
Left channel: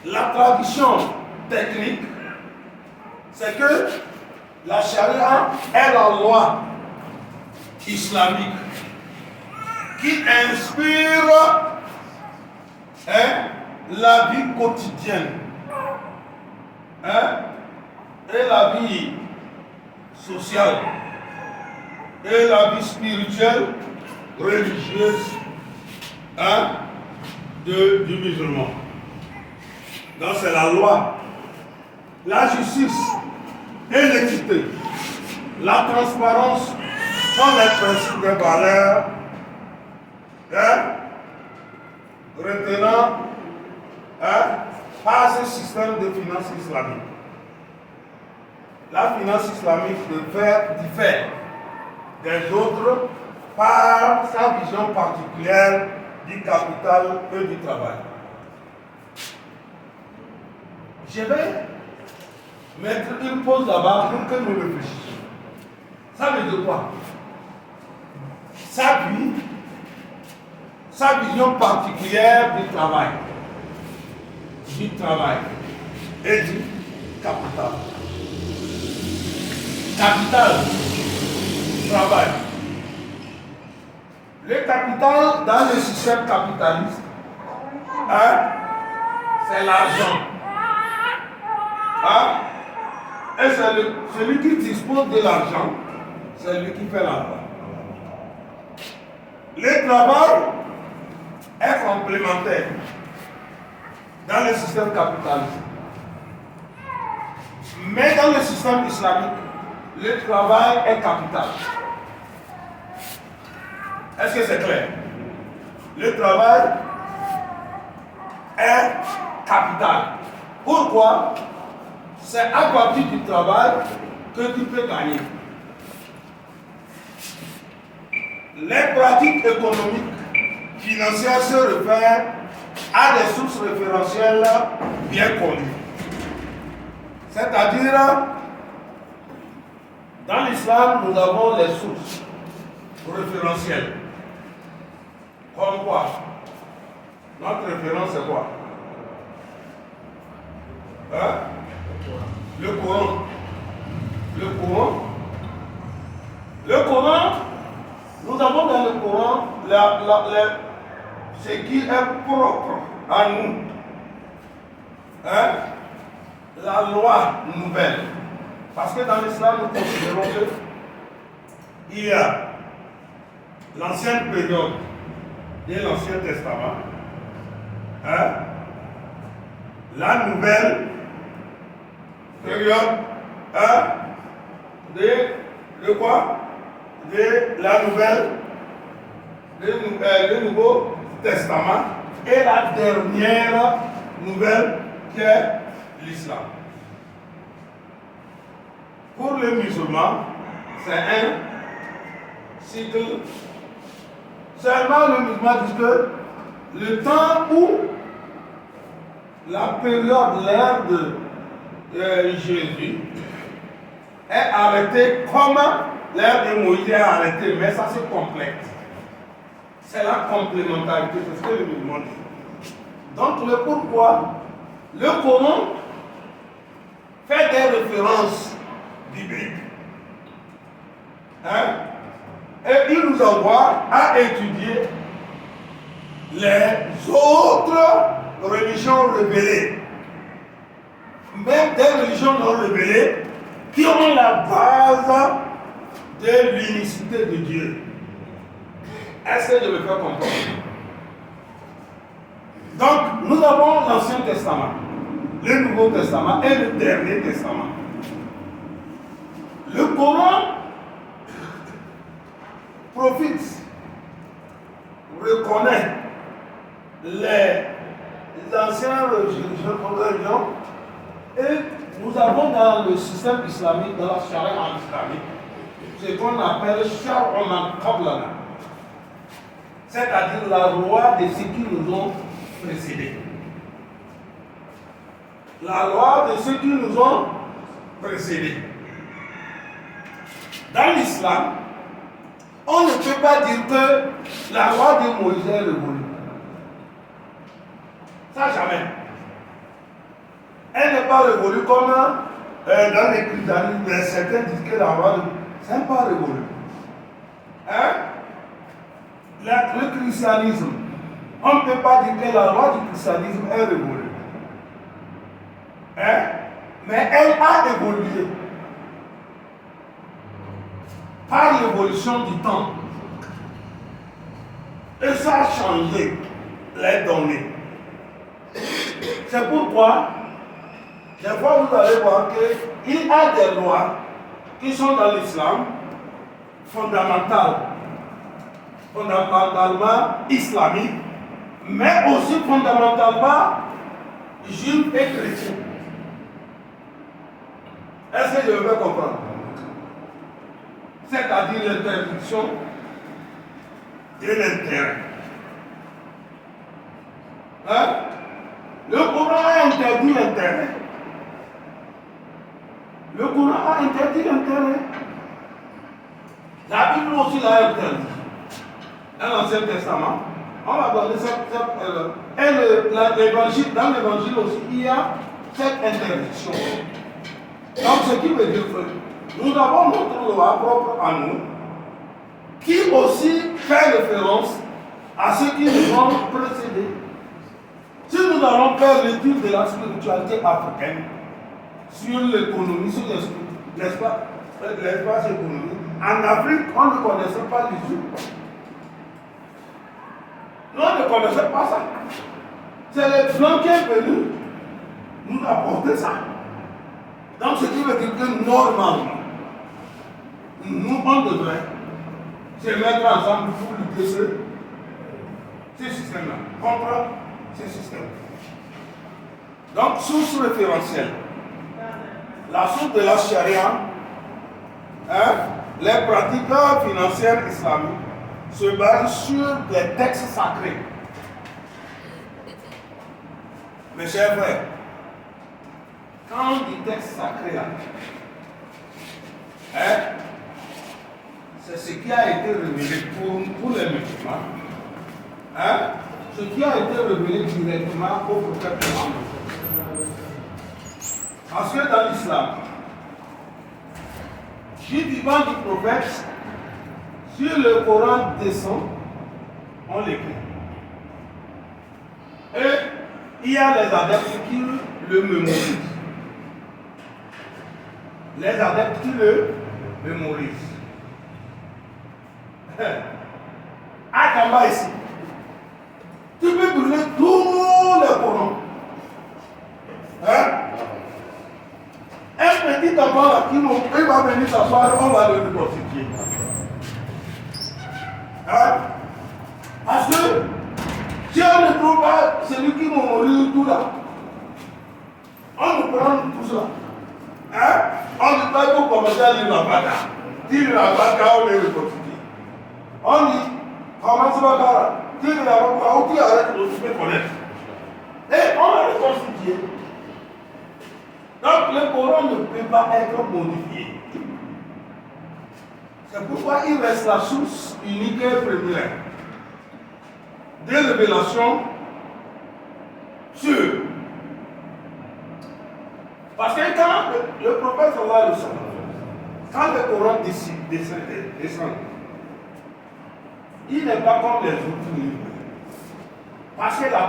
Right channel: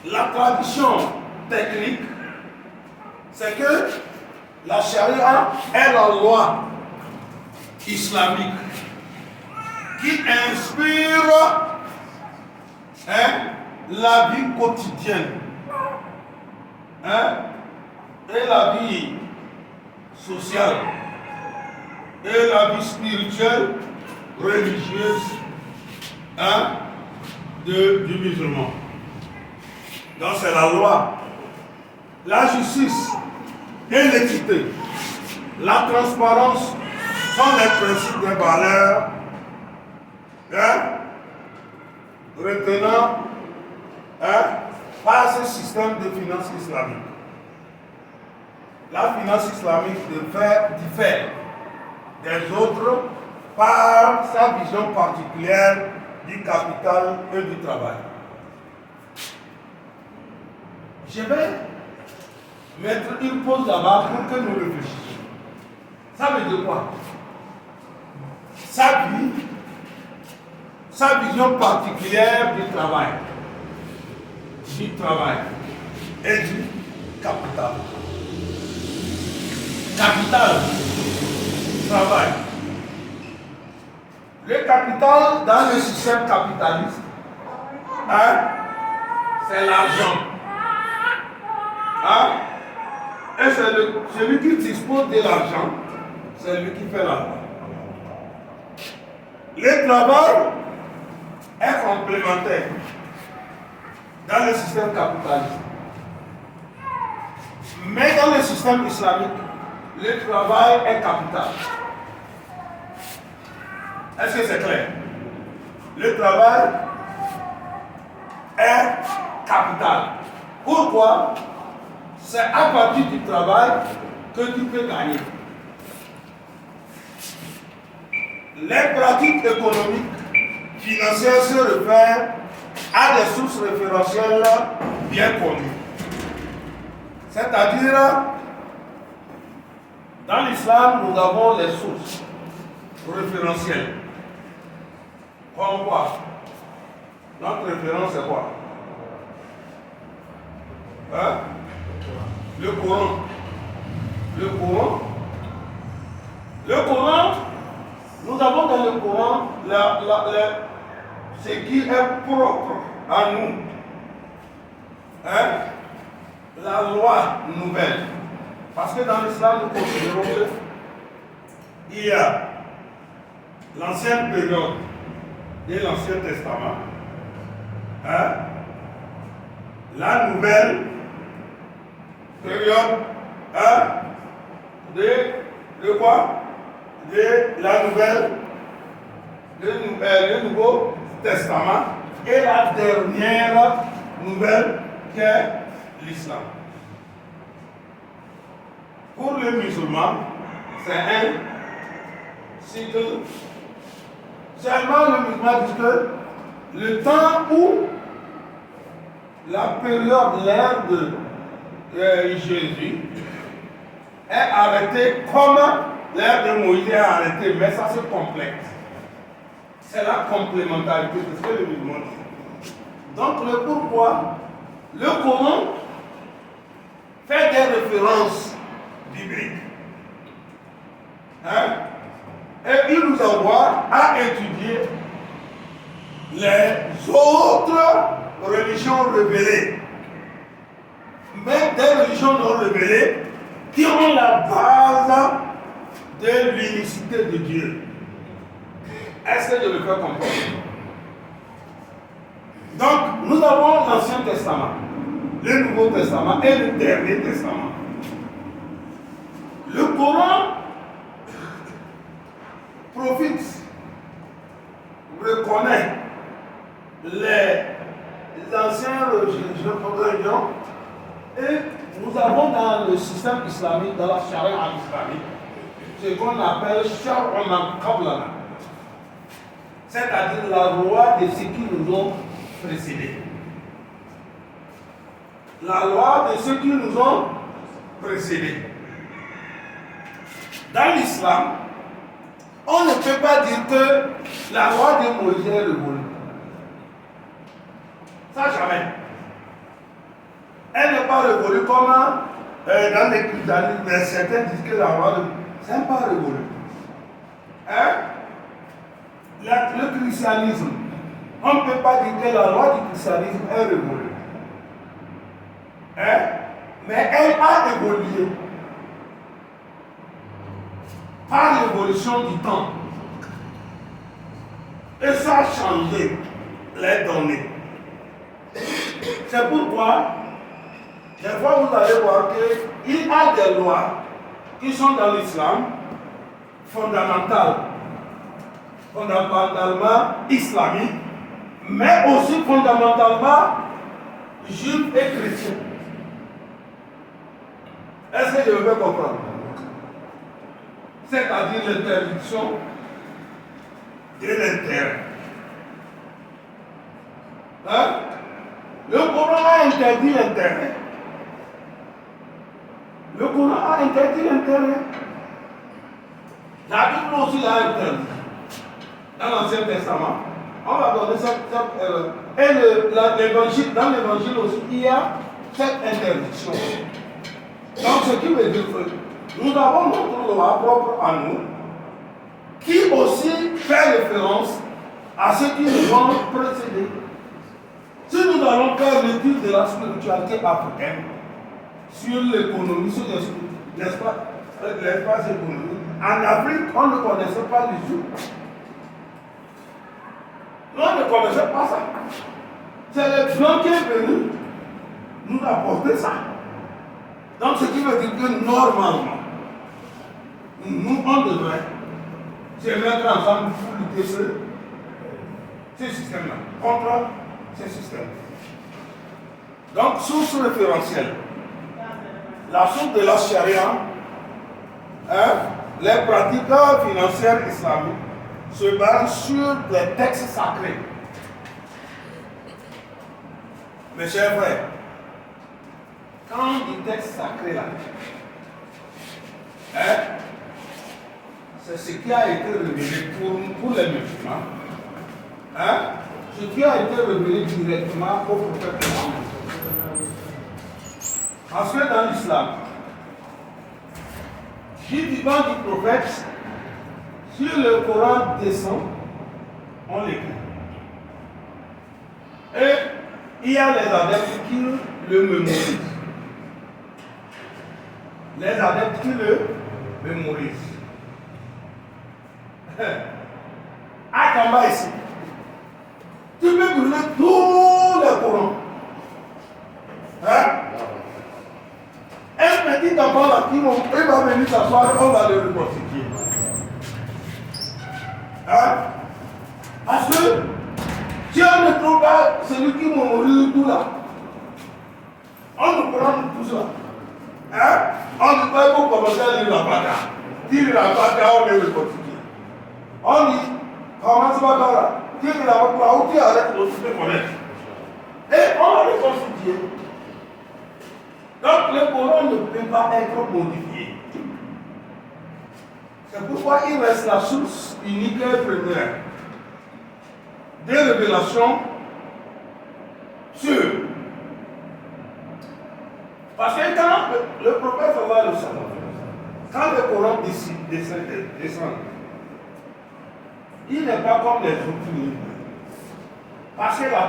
la tradition technique, c'est que la charia est la loi islamique qui inspire la vie quotidienne et la vie sociale et la vie spirituelle, religieuse du musulman. Donc c'est la loi, la justice et l'équité, la transparence sont les principes de valeur retenant par ce système de finance islamique. La finance islamique diffère des autres par sa vision particulière du capital et du travail. Je vais mettre une pause là-bas pour que nous réfléchissions. Ça veut dire quoi? Sa vision particulière du travail et du capital. Capital, travail. Le capital dans le système capitaliste, c'est l'argent. Et c'est celui qui dispose de l'argent, c'est lui qui fait l'argent. Le travail est complémentaire dans le système capitaliste. Mais dans le système islamique, le travail est capital. Est-ce que c'est clair? Le travail est capital. Pourquoi? C'est à partir du travail que tu peux gagner. Les pratiques économiques, financières se réfèrent à des sources référentielles bien connues. C'est-à-dire, dans l'islam, nous avons les sources référentielles. Comme quoi? Notre référence c'est quoi? Le Coran. Le Coran, nous avons dans le Coran ce qui est propre à nous. La loi nouvelle. Parce que dans l'islam, nous considérons qu'il y a l'ancienne période de l'Ancien Testament, la nouvelle période de quoi? De la nouvelle, le Nouveau Testament et la dernière nouvelle qui est l'islam. Pour les musulmans, c'est un cycle. Seulement le musulman dit que le temps où la période, l'ère de Jésus est arrêtée comme l'ère de Moïse est arrêtée, mais ça se complète. C'est la complémentarité, c'est ce que le musulman dit. Donc le pourquoi, le Coran fait des références bibliques. Hein? Et il nous envoie à étudier les autres religions révélées, même des religions non révélées qui ont la base de l'unicité de Dieu. Est-ce que je me fais comprendre? Donc, nous avons l'Ancien Testament, le Nouveau Testament et le Dernier Testament. Le Coran profite, reconnaît les anciennes religions et nous avons dans le système islamique, dans la charia islamique, ce qu'on appelle Shar'u man qablana, c'est-à-dire la loi de ceux qui nous ont précédés. La loi de ceux qui nous ont précédés. Dans l'islam, on ne peut pas dire que la loi de Moïse est révolue. Ça, jamais. Elle n'est pas révolue comme dans les christianismes, mais certains disent que la loi de Moïse n'est pas révolue. Hein? Le christianisme, on ne peut pas dire que la loi du christianisme est révolue. Hein? Mais elle a évolué par l'évolution du temps. Et ça a changé les données. C'est pourquoi, des fois vous allez voir qu'il y a des lois qui sont dans l'islam fondamentalement islamiques, mais aussi fondamentalement juifs et chrétiens. Est-ce que je me fais comprendre? C'est-à-dire l'interdiction de l'intérêt. Hein? Le Coran a interdit l'intérêt. Le Coran a interdit l'intérêt. La Bible aussi l'a interdit. Dans l'Ancien Testament, on va donner cette erreur. Et l'évangile, dans l'évangile aussi, il y a cette interdiction. Donc, ce qui veut dire que nous avons notre loi propre à nous, qui aussi fait référence à ceux qui nous ont précédés. Si nous allons faire l'étude de la spiritualité africaine, sur l'économie, sur l'espace économique, en Afrique, on ne connaissait pas du tout. On ne connaissait pas ça. C'est les Blancs qui sont venus nous apporter ça. Donc, ce qui veut dire que normalement, nous, on devrait se mettre ensemble pour lutter ces systèmes-là, contre ces systèmes. Donc, source référentielle. La source de la charia, les pratiques financières islamiques se basent sur des textes sacrés. Mes chers frères, quand on dit texte sacré là, c'est ce qui a été révélé pour les musulmans, ce qui a été révélé directement au prophète Mohammed. Parce que dans l'islam, du vivant du prophète, sur le Coran descend, on l'écrit. Et il y a les adeptes qui le mémorisent. Les adeptes qui le mémorisent. À Kamba ici, tu peux brûler tous les Corans. Un Un petit enfant là, il va venir s'asseoir, on va le reconstituer. Hein? Parce que si on ne trouve pas celui qui va mourir tout là, on nous prend tout ça. Hein? On ne peut pas commencer à lire la bagarre. Dire la bagarre, on est reconstitué. On dit, comment ça va là? Dire la bagarre, on dit arrête, on se fait connaître. Et on va reconstituer. Donc le Coran ne peut pas être modifié. C'est pourquoi il reste la source unique et première des révélations sûres. Parce que quand le prophète sallallahu alayhi wa sallam, quand le Coran descend, il n'est pas comme les autres livres. Parce que la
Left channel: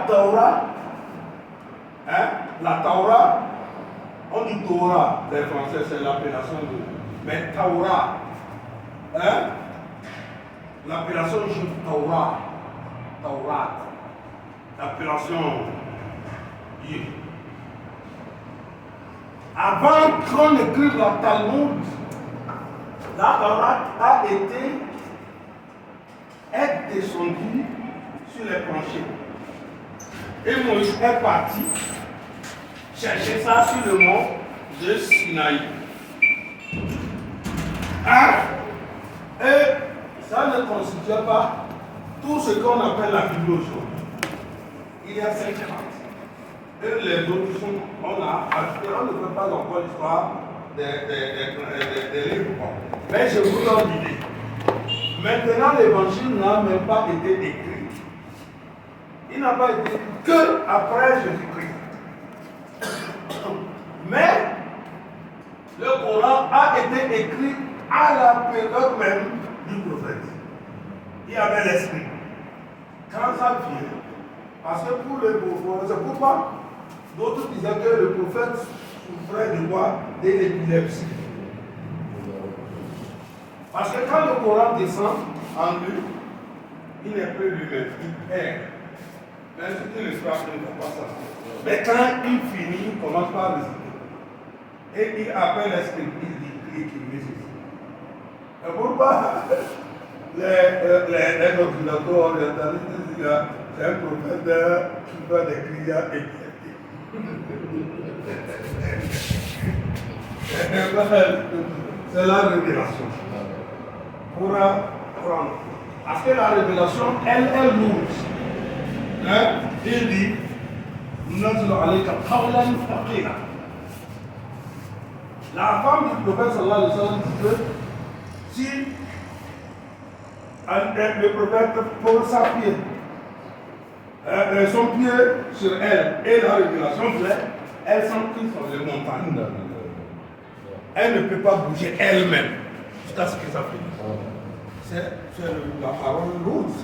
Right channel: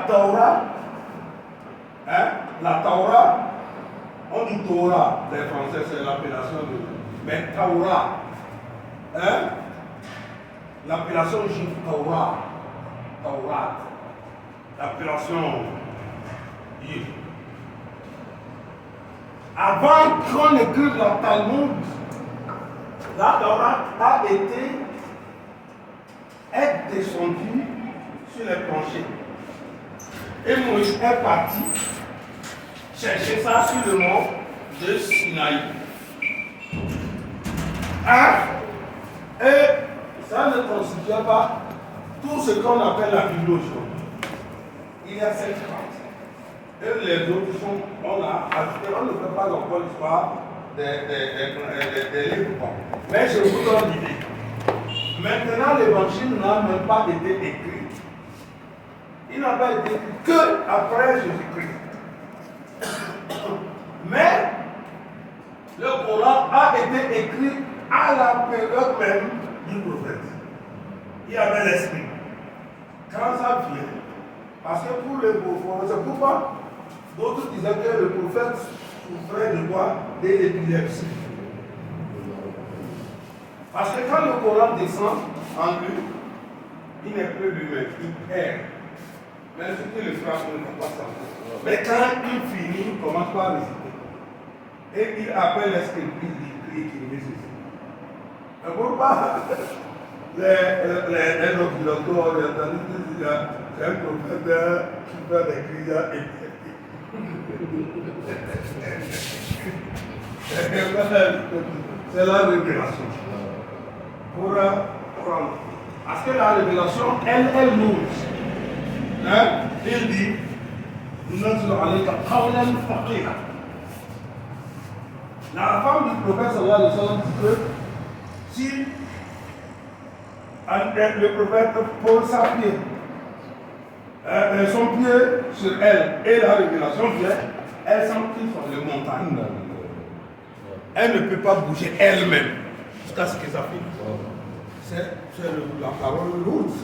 Torah, on dit Torah, les Français, c'est l'appellation de. Mais Torah, l'appellation juive Torah, l'appellation juive. Avant qu'on écrive la Talmud, la Torah est descendue sur les planchers. Et Moïse est parti chercher ça sur le mont de Sinaï. Et ça ne constitue pas tout ce qu'on appelle la Bible aujourd'hui. Il y a 5 parties. Et les autres sont, on a ajouté, on ne fait pas encore l'histoire des livres. Mais je vous donne l'idée. Maintenant, l'évangile n'a même pas été écrit. Il n'a pas été écrit que après Jésus-Christ. Mais le Coran a été écrit à la période même du prophète. Il y avait l'esprit. Quand ça vient, parce que pour le prophète, c'est pourquoi d'autres disaient que le prophète souffrait de quoi? De l'épilepsie. Parce que quand le Coran descend en lui, il n'est plus lui-même, il erre. Même si le frère ne fait pas ça. Mais quand il finit, il commence par réciter. Et il appelle l'esprit, il dit qu'il récite. Et pourquoi les docteurs orientalistes disent que c'est un prophète qui fait des cris épileptiques. C'est la révélation. Pour apprendre. Parce que la révélation, elle est lourde. Il dit, la femme du prophète sallallahu alayhi wa sallam dit que si le prophète pose son pied sur elle et la révélation vient, elle s'empile sur les montagnes. Elle ne peut pas bouger elle-même jusqu'à ce que ça finisse. C'est la parole lourde.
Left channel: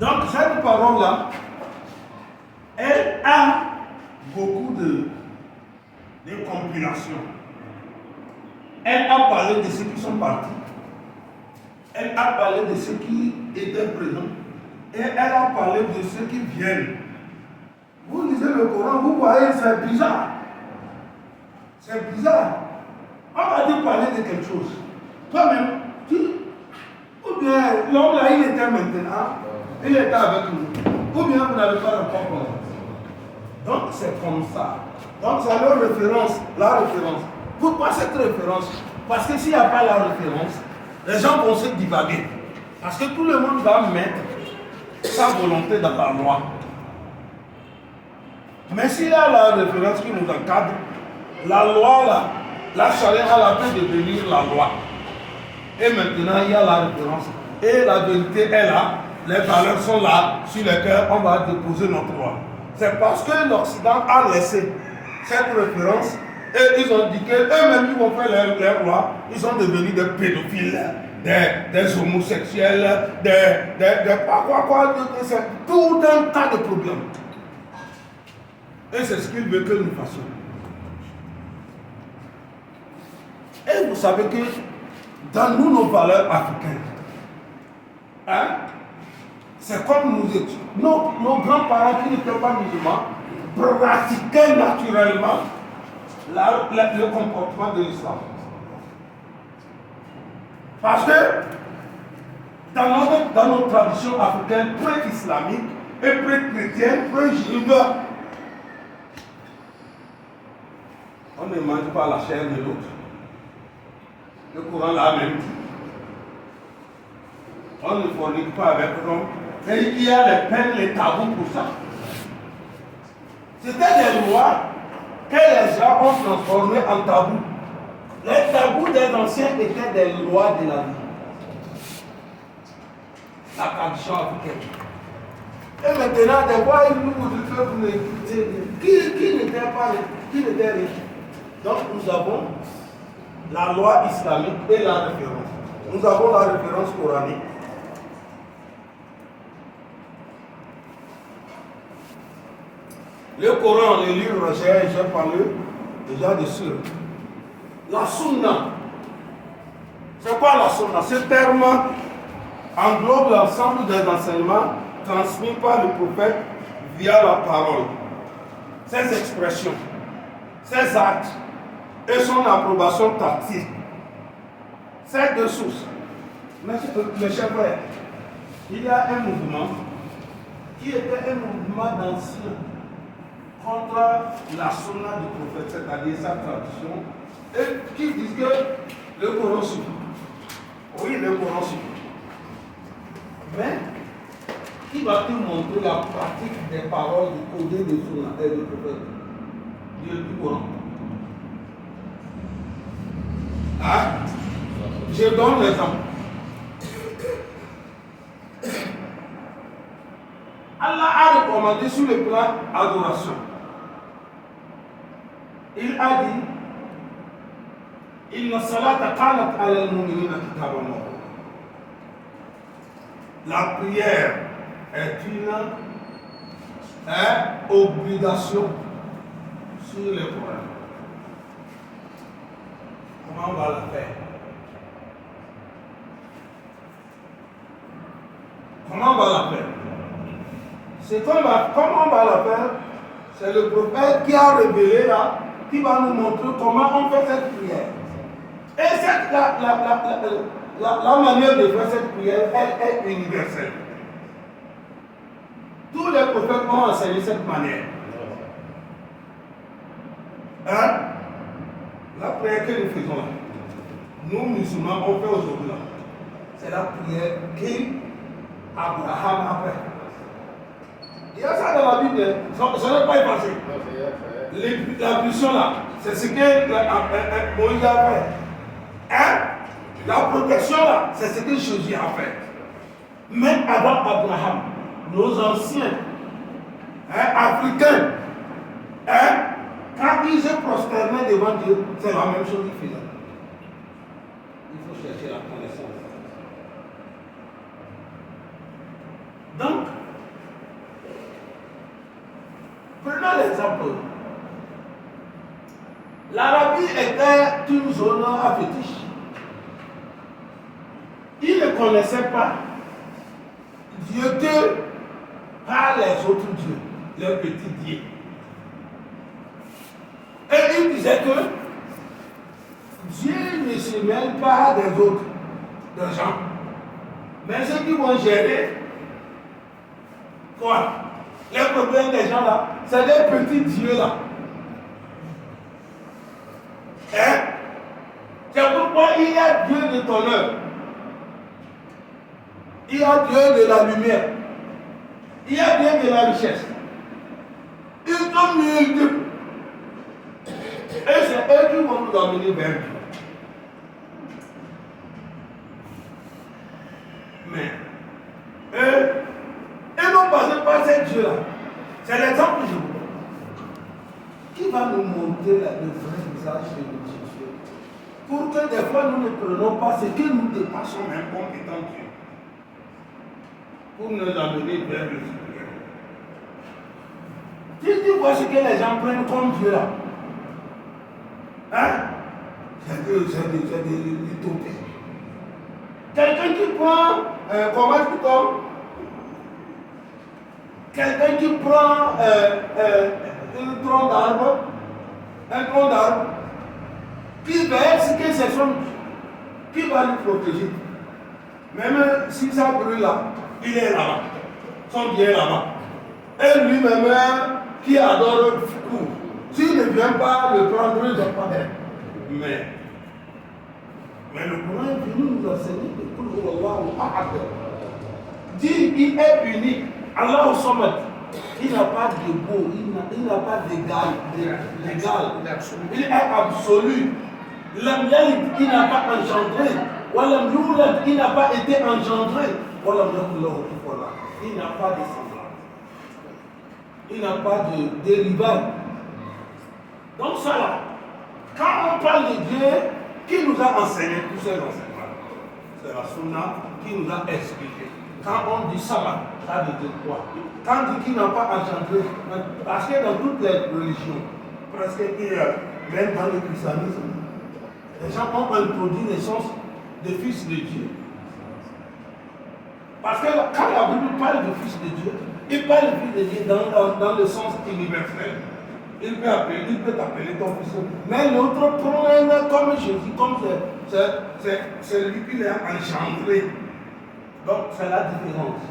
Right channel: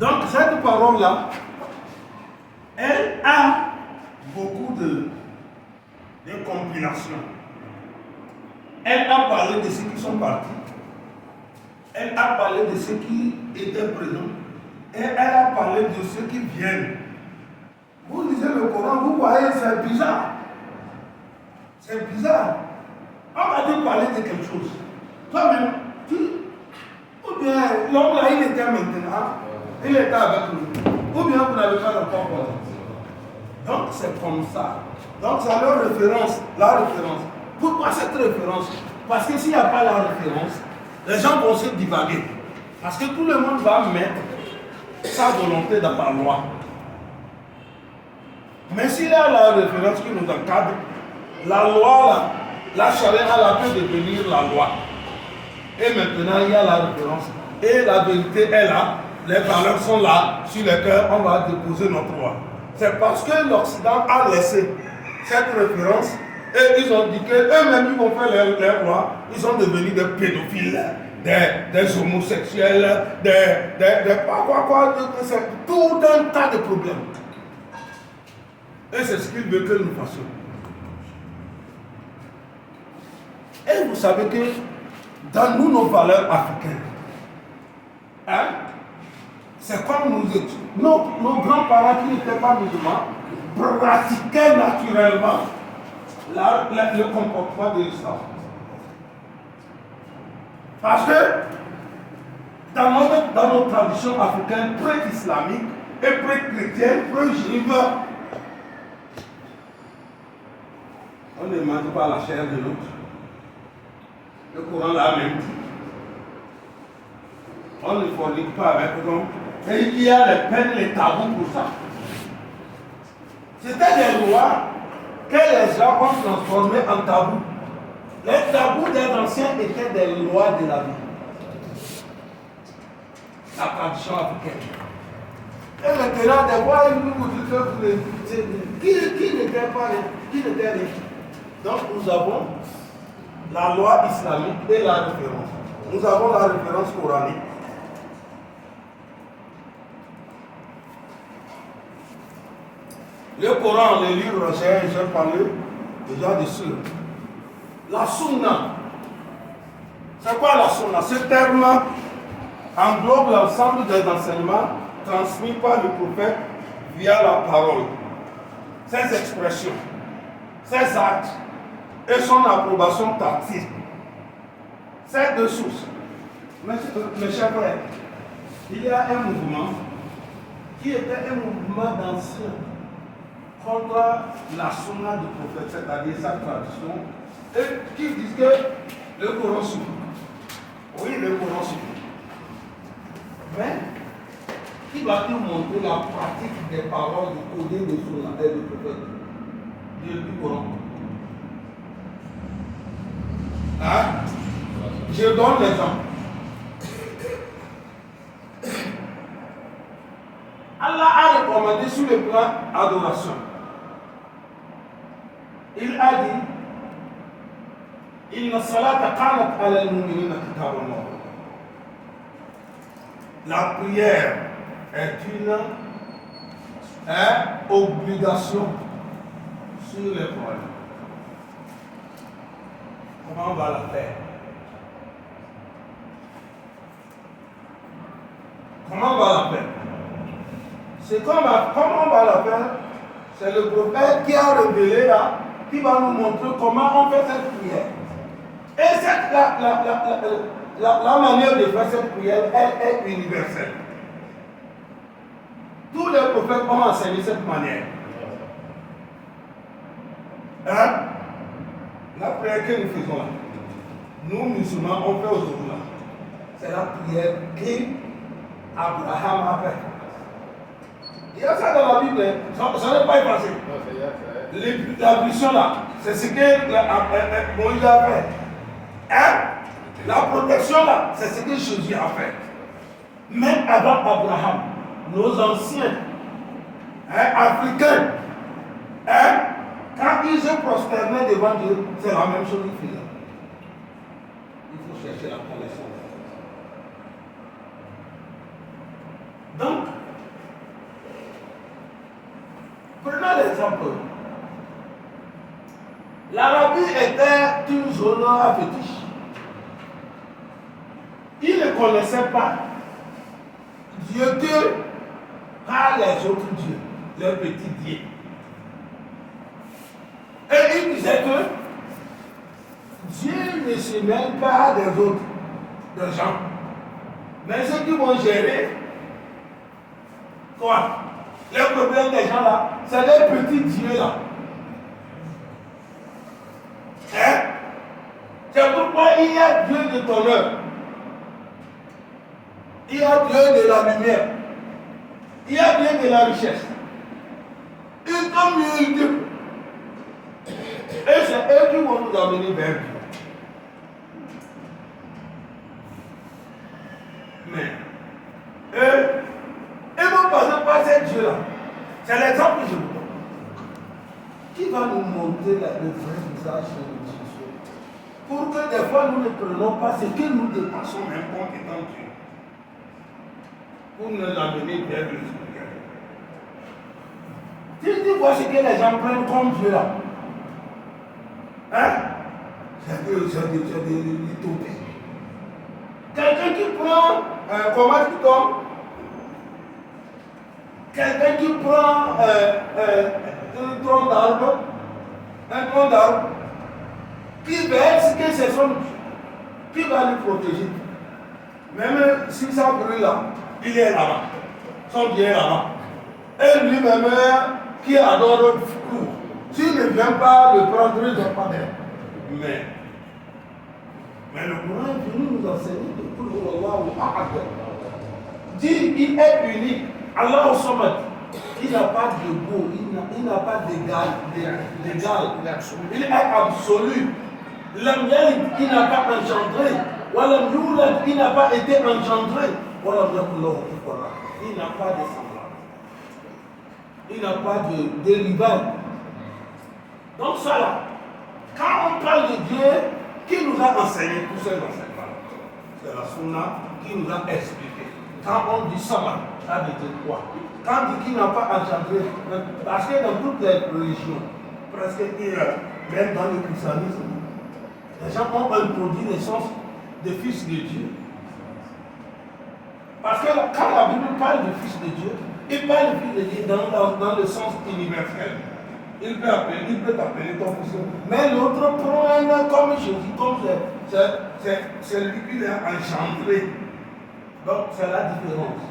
Donc cette parole-là, elle a beaucoup de compilations. Elle a parlé de ceux qui sont partis. Elle a parlé de ceux qui étaient présents. Et elle a parlé de ceux qui viennent. Vous lisez le Coran, vous voyez, c'est bizarre. C'est bizarre. On va te parler de quelque chose. Toi-même, ou bien l'homme là, il était maintenant, il était avec nous. Ou bien vous n'avez pas encore parlé. Donc c'est comme ça. Donc c'est leur référence, la référence. Pourquoi cette référence? Parce que s'il n'y a pas la référence, les gens vont se divaguer. Parce que tout le monde va mettre sa volonté dans la loi. Mais s'il y a la référence qui nous encadre, la loi, là, la charia a la peine de devenir la loi. Et maintenant, il y a la référence. Et la vérité est là. Les valeurs sont là, sur lesquelles on va déposer notre loi. C'est parce que l'Occident a laissé cette référence et ils ont dit qu'eux-mêmes, ils vont faire leurs lois. Ils sont devenus des pédophiles, des homosexuels, c'est tout un tas de problèmes. Et c'est ce qu'ils veulent que nous fassions. Et vous savez que dans nos valeurs africaines, c'est comme nous étions. Nos grands-parents qui n'étaient pas musulmans pratiquaient naturellement le comportement de l'islam. Parce que dans nos traditions africaines pré-islamiques et pré-chrétiennes, pré-juives, on ne mange pas la chair de l'autre. Le Coran l'a même dit. On ne fornique pas avec l'homme. Et il y a les peines, les tabous pour ça. C'était des lois que les gens ont transformées en tabous. Les tabous des anciens étaient des lois de la vie. La tradition africaine. Et maintenant, des voix, ils nous disent que vous qui n'était riche. Donc nous avons la loi islamique et la référence. Nous avons la référence coranique. Le Coran, les livres, j'ai parlé déjà dessus. La sunna. C'est quoi la sunna? Ce terme englobe l'ensemble des enseignements transmis par le prophète via la parole. Ses expressions, ses actes et son approbation tacite. Ces deux sources. Mes chers frères, il y a un mouvement qui était un mouvement d'anciens contre la sunna du prophète, c'est-à-dire sa tradition, et qui disent que le Coran suffit. Oui, le Coran suffit. Mais, qui va-t-il montrer la pratique des paroles du codé de sunna et du prophète, du Coran? Hein? Je donne l'exemple. Allah a recommandé sur le plan adoration. Il a dit Inna salata kanat ala al-mu'minina kitaban mawquta. La prière est une obligation sur les croyants. Comment on va la faire? Comment on va la faire? Comment on va la faire? C'est le prophète qui a révélé là, qui va nous montrer comment on fait cette prière. Et la manière de faire cette prière, elle est universelle. Tous les prophètes ont enseigné cette manière. Hein? La prière que nous faisons là, nous musulmans, on fait aujourd'hui là. C'est la prière qu'Abraham a fait. Il y a ça dans la Bible, ça n'est pas effacé. La puissance là, c'est ce que Moïse a fait. Hein? La protection là, c'est ce que Jésus a fait. Même avant Abraham, nos anciens africains, quand ils se prosternaient devant Dieu, c'est la même chose qu'ils faisaient. Il faut chercher la connaissance. Donc, prenons l'exemple. L'Arabie était une zone à fétiche. Ils ne connaissaient pas Dieu que par les autres dieux, les petits dieux. Et ils disaient que Dieu ne se mêle pas des autres, des gens. Mais ceux qui vont gérer, quoi? Les problèmes des gens là, c'est les petits dieux là. Hein? C'est pourquoi il y a Dieu de ton œuvre. Il y a Dieu de la lumière. Il y a Dieu de la richesse. Ils sont multiples. Et c'est eux qui vont nous amener vers Dieu. Mais eux, ils vont passer par ces dieux-là. C'est l'exemple que je vous donne. Qui va nous montrer le vrai visage de Dieu? Pour que des fois nous ne prenons pas ce que nous dépassons même comme étant Dieu. Pour nous amener vers le Seigneur. Tu vois ce que les gens prennent comme Dieu là. Hein? C'est des utopies. Quelqu'un qui prend, comment tu tombes? Quelqu'un qui prend une tronc d'arbre un tronc d'arbre, qui va expliquer ses sons, qui va lui protéger. Même si ça brûle là, il est là-bas. Son bien est là-bas. Et lui-même, qui adore le cours, s'il ne vient pas le prendre, il ne va pas d'aide. Mais le Coran est venu nous enseigner que dit il est unique. Allah au Samad, il n'a pas de beau, il n'a pas d'égal. Il est absolu. L'homme il n'a pas engendré. Walam yulad, il n'a pas été engendré. Walam yakullahu kufuwan. Il n'a pas de semblable. Il n'a pas de dérival. Donc ça là, quand on parle de Dieu, qui nous a enseigné tous ces enseignements? C'est la Sunna qui nous a expliqué. Quand on dit Samad, ça veut dire quoi? Quand on dit qu'il n'a pas engendré, parce que dans toutes les religions, presque même dans le christianisme, les gens ont introduit l'essence de fils de Dieu. Parce que quand la Bible parle de fils de Dieu, il parle de fils de Dieu dans le sens universel. Il peut t'appeler ton fils. Mais l'autre prend comme Jésus, comme c'est lui qui l'a engendré. Donc c'est la différence.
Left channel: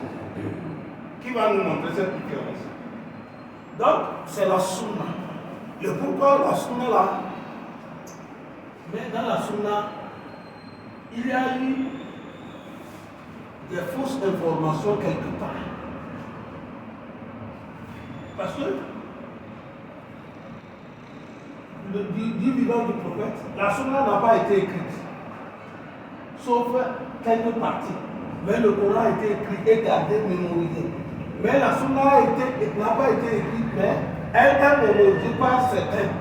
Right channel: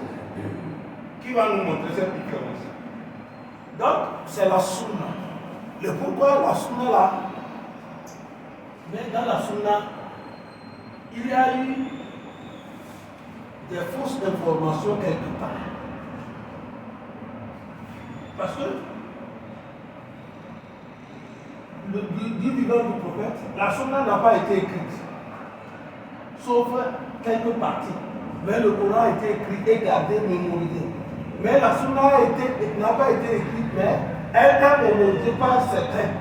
Qui va nous montrer cette différence? Donc c'est la Sunna. Le pourquoi la Sunna là? Mais dans la Sunna, il y a eu des fausses informations quelque part. Parce que du vivant du prophète, la Sunna n'a pas été écrite, sauf quelques parties. Mais le Coran a été écrit et gardé, mémorisé. Mais la Sunna n'a pas été écrite, mais elle est mémorisée par certains.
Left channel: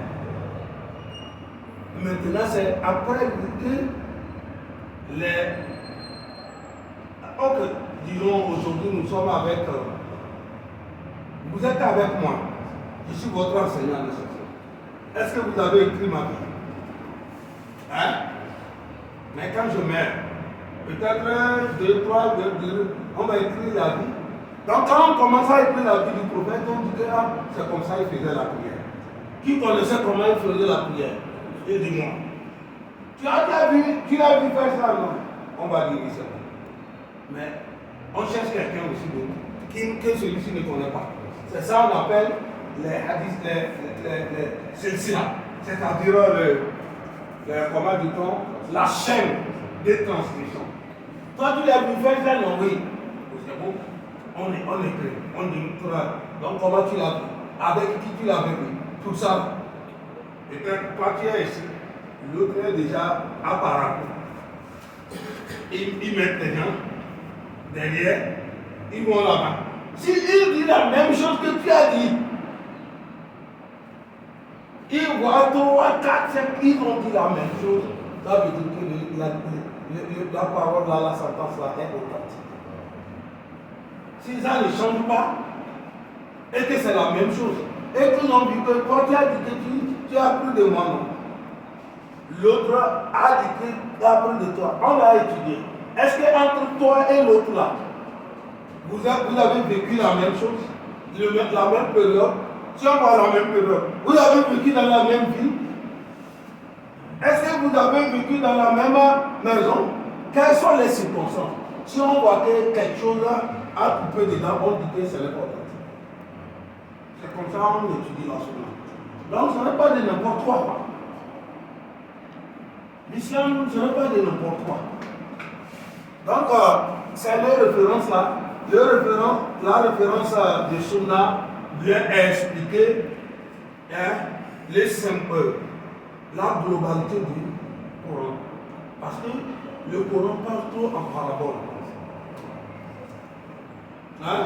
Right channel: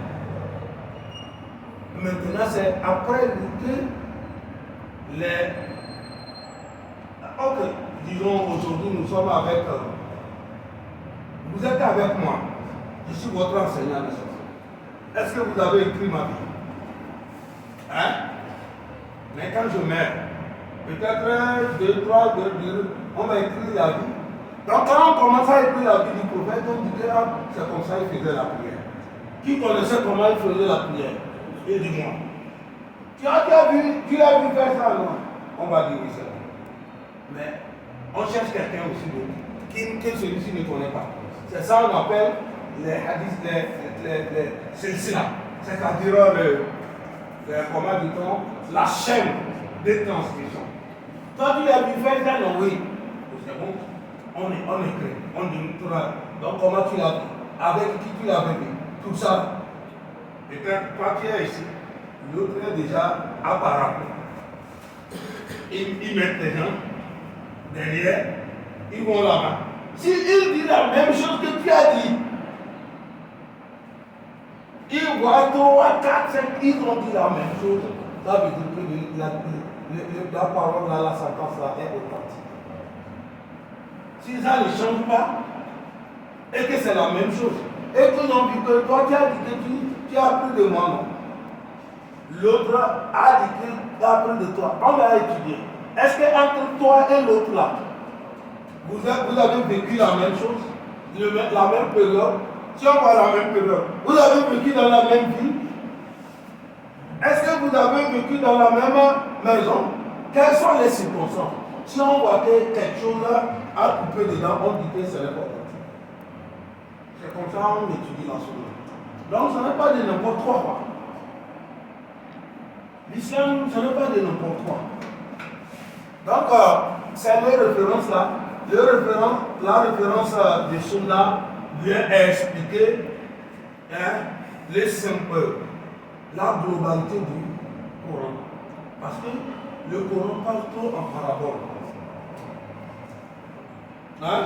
Maintenant, c'est après que ok, disons aujourd'hui nous sommes avec vous êtes avec moi, je suis votre enseignant de ce. Est-ce que vous avez écrit ma vie? Hein? Mais quand je meurs, peut-être 2, 3, on va écrire la vie. Donc quand on commence à écrire la vie du prophète, on dit que c'est comme ça qu'il faisait la prière. Qui connaissait comment il faisait la prière? Et dis-moi. Tu as vu faire ça, non? On va dire ça. Mais on cherche quelqu'un aussi d'autre, que celui-ci ne connaît pas. C'est ça qu'on appelle les hadiths, les silsila. C'est-à-dire comment dit-on, la chaîne de transmission. Quand tu as vu faire ça, non, oui. C'est bon. On écrit, on dit tout là. Donc comment tu l'as vu? Avec qui tu l'avais vu? Tout ça. Peut-être toi tu es ici, l'autre est déjà apparent. Ils mettent les gens derrière, ils vont là-bas. S'il dit la même chose que tu as dit, ils voient 3, 4, 5, ils ont dit la même chose. Ça veut dire que la parole là, la sentence là est authentique. Si ça ne change pas, et que c'est la même chose, et que non, que toi tu as dit que tu as appris de moi, non? L'autre a dit qu'il a appris de toi. On va étudier. Est-ce qu'entre toi et l'autre là, vous avez vécu la même chose, la même période? Si on voit la même période, vous avez vécu dans la même ville? Est-ce que vous avez vécu dans la même maison? Quelles sont les circonstances? Si on voit que quelque chose a coupé dedans, on dit que ce n'est pas authentique. C'est comme ça qu'on étudie l'enseignement. Donc ce n'est pas de n'importe quoi. L'islam, ce n'est pas de n'importe quoi. Donc, c'est les références là. La référence de Sunna vient expliquer les simples, la globalité du Coran. Parce que le Coran parle trop en parabole. Hein?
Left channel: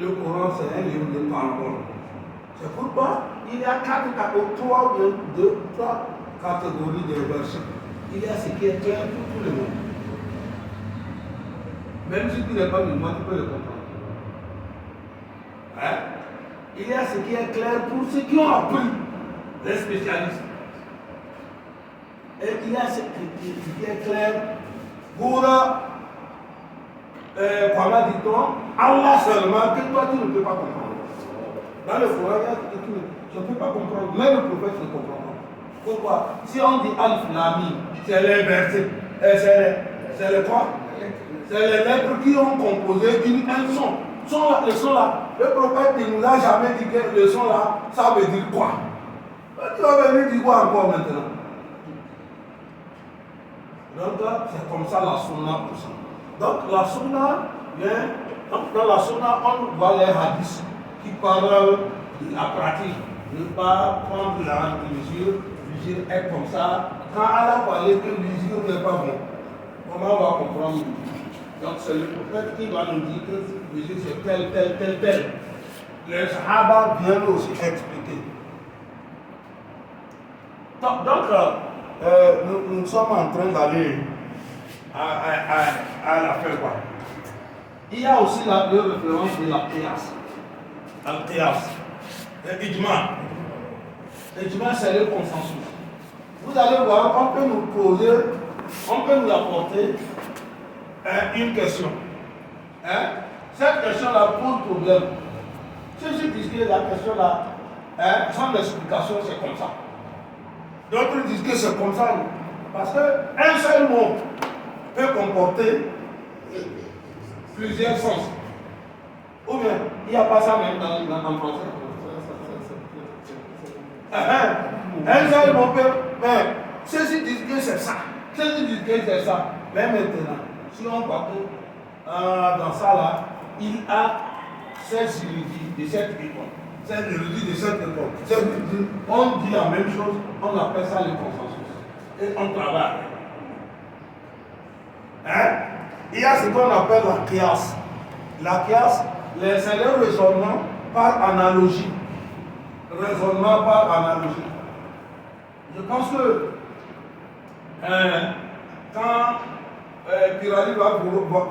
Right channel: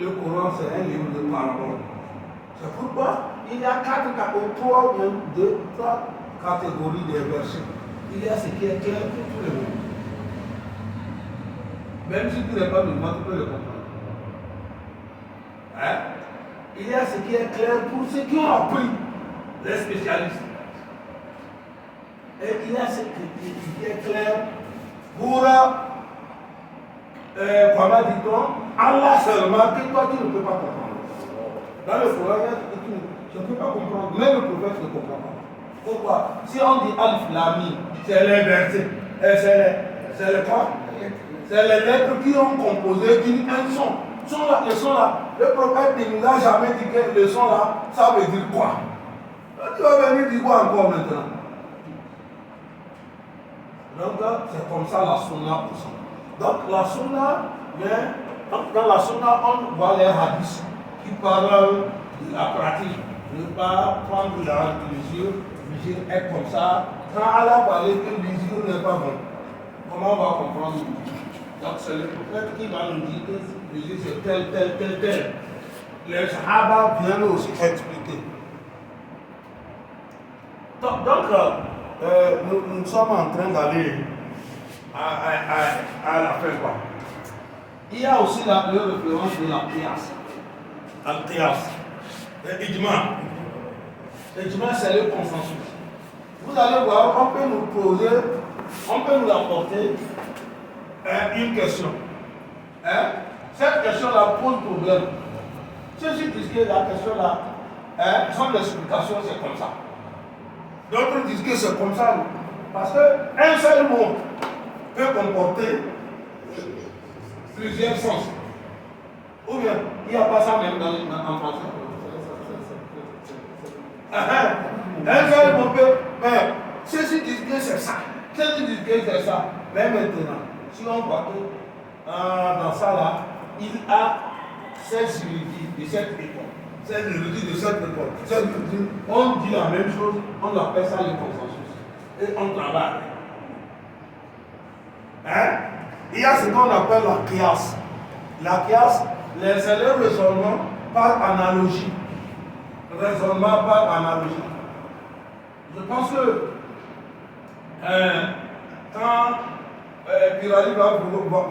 Le Coran, c'est un livre de parabole. C'est pourquoi il y a 3 catégories de versets. Il y a ce qui est clair pour tout le monde. Même si tu n'es pas musulman, tu peux le comprendre. Hein? Il y a ce qui est clair pour ceux qui ont appris, les spécialistes. Et il y a ce qui est clair pour, comment dit-on, Allah seulement, que toi tu ne peux pas comprendre. Dans le Coran, il y a je ne peux pas comprendre. Même le prophète ne comprend pas. Pourquoi? Si on dit Alif Lami, c'est les versets, c'est les quoi? C'est les lettres qui ont composé un son. Le son là, le prophète ne nous a jamais dit que le son là, ça veut dire quoi? Tu vas venir dire quoi encore maintenant? Donc, c'est comme ça la sunna pour ça. Donc, la sunna vient, dans la sunna, on voit les hadiths qui parlent de la pratique. Ne pas prendre la mesure est comme ça. Quand Allah parlait que l'usure n'est pas bon, comment on va comprendre? Donc, c'est le prophète qui va nous dire que l'usure c'est tel. Les Sahaba viennent aussi expliquer. Donc, nous sommes en train d'aller à la fin. Quoi. Il y a aussi le référence de la qiyas. Al-qiyas. Ijma. Ijma, c'est le consensus. Vous allez voir, on peut nous apporter une question. Cette question-là pose problème. Ceux qui disent que la question-là, sans explication, c'est comme ça. D'autres disent que c'est comme ça. Parce qu'un seul mot peut comporter plusieurs sens. Ou bien, il n'y a pas ça même en français. Un seul mot peut. Mais ceux-ci disent que c'est ça. Ceux-ci disent que c'est ça. Mais maintenant, si on voit que dans ça là, il a 16 érudits de cette école. 16 érudits de cette école. On dit la même chose, on appelle ça le consensus. Et on travaille. Il y a ce qu'on appelle la qiyas. La qiyas, c'est le raisonnement par analogie. Raisonnement par analogie. Je pense que quand Pirali va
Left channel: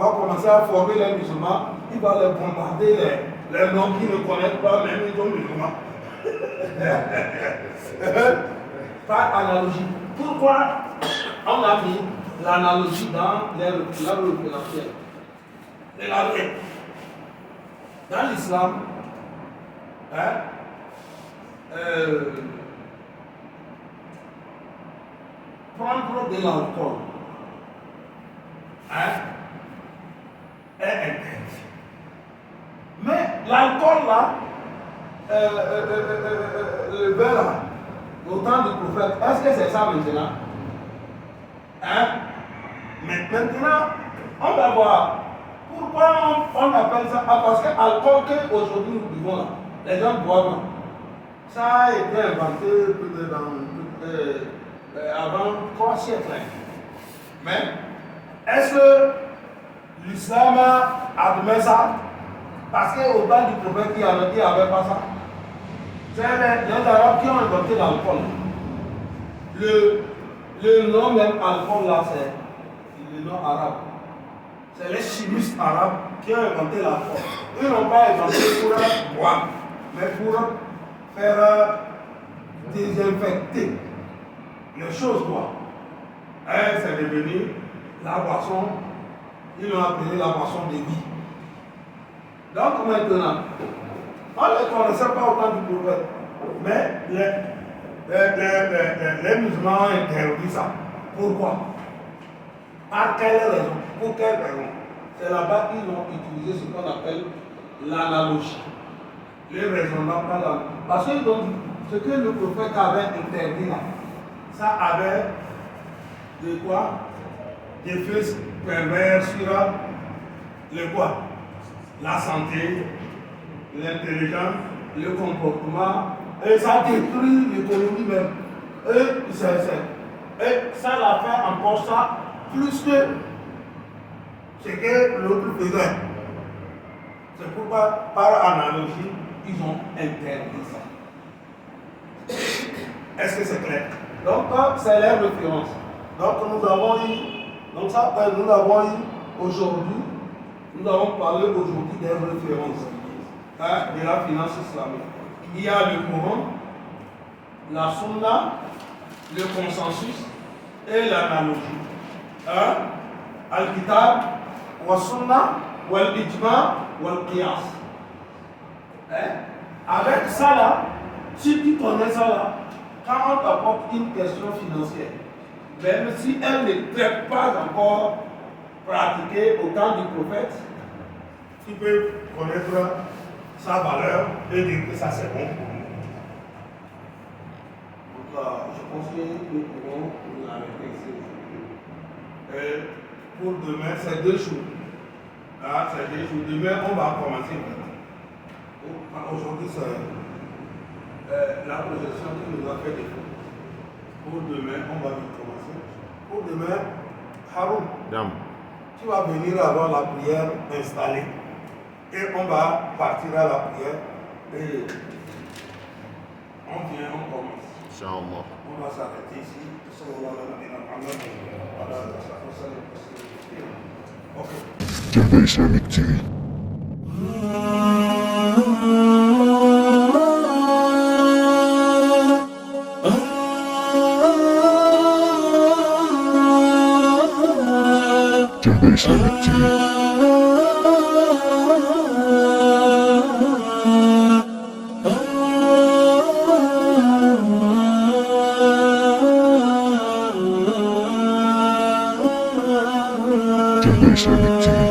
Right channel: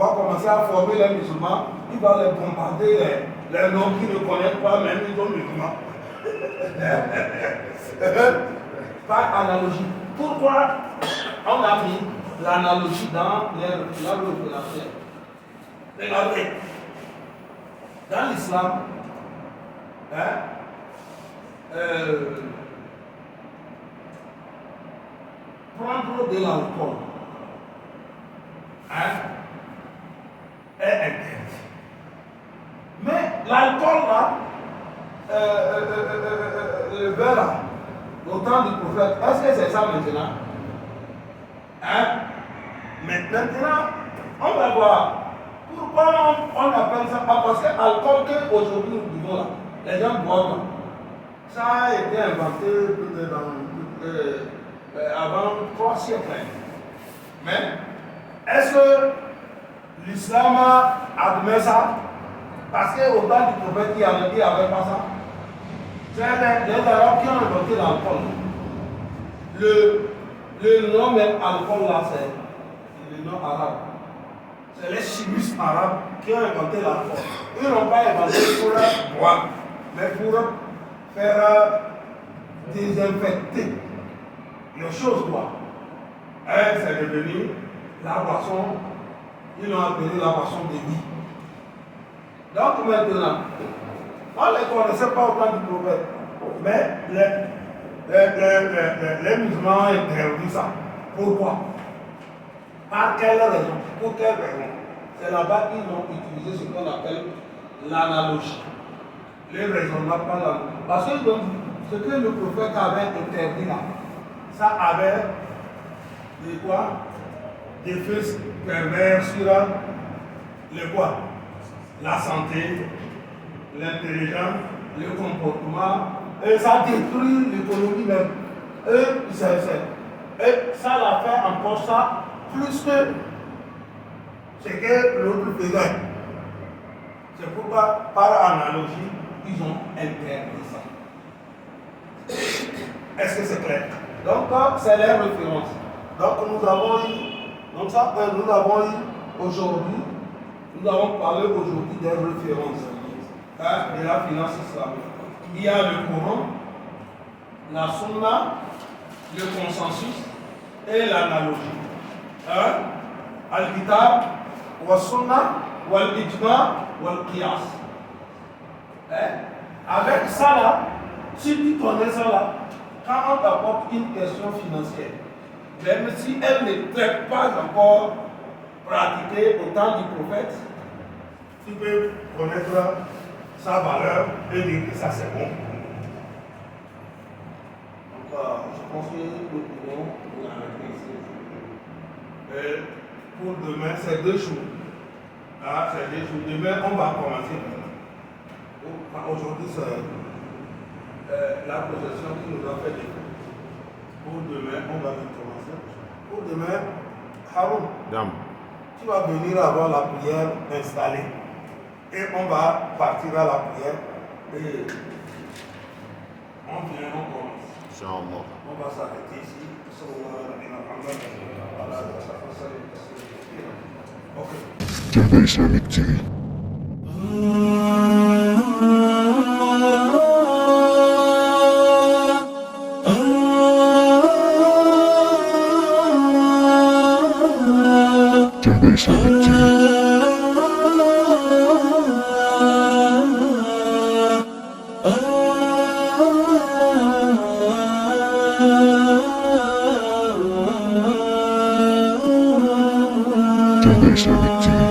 commencer à former les musulmans, il va les bombarder les noms qui ne connaissent pas, même ils sont musulmans. Par analogie. Pourquoi on a mis l'analogie dans la révélation? Regardez. Dans l'islam, prendre de l'alcool est interdit. Mais l'alcool là, le verre là, au temps du prophète, est-ce que c'est ça maintenant? Maintenant, on va voir. Pourquoi on appelle ça? Parce que l'alcool qu'aujourd'hui nous buvons là, les gens boivent. Ça a été inventé avant 3 siècles. Mais est-ce que l'islam admet ça? Parce qu'au temps du prophète, il n'y avait pas ça. C'est les Arabes qui ont inventé l'alcool. Le nom même alcool là, c'est le nom arabe. C'est les chimistes arabes qui ont inventé l'alcool. Ils n'ont pas inventé pour boire, mais pour faire désinfecter les choses quoi. C'est devenu la boisson, ils l'ont appelé la boisson de vie. Donc maintenant, on ne les connaissait pas au temps du prophète, mais les musulmans ont interdit ça. Pourquoi? Par quelle raison? Pour quelle raison? C'est là-bas qu'ils ont utilisé ce qu'on appelle l'analogie. Les raisonnements par l'analogie. Parce que donc, ce que le prophète avait interdit là, ça avait de quoi? Des effets pervers sur le quoi? La santé, l'intelligence, le comportement, et ça détruit l'économie même. Et ça l'a fait encore ça plus que ce que l'autre faisait. C'est pourquoi, par analogie, ils ont interdit ça. Est-ce que c'est clair? Donc, c'est les références. Donc, nous avons eu aujourd'hui, nous avons parlé aujourd'hui des références de la finance islamique. Il y a le Coran, la Sunna, le consensus et l'analogie. Al-Kitab, wa Sunna, wa Al-Ijma, wa Al-Qiyas. Avec ça là, Si tu connais ça là, quand on t'apporte une question financière, même si elle ne traite pas encore pratiquée au temps du prophète, tu peux connaître sa valeur et dire que ça c'est bon pour nous. Donc, je pense que nous pouvons nous arrêter ici. Et pour demain, c'est 2 jours. Là, c'est 2 jours. Demain, on va commencer. Aujourd'hui, c'est la projection qui nous a fait défaut. Pour demain, on va commencer. Pour demain, Haroun, tu vas venir avoir la prière installée. Et on va partir à la prière. Et on vient, on commence. On va s'arrêter ici. Ok. Jardin Islamique TV. Jardin Islamique TV. Jardin Islamique TV.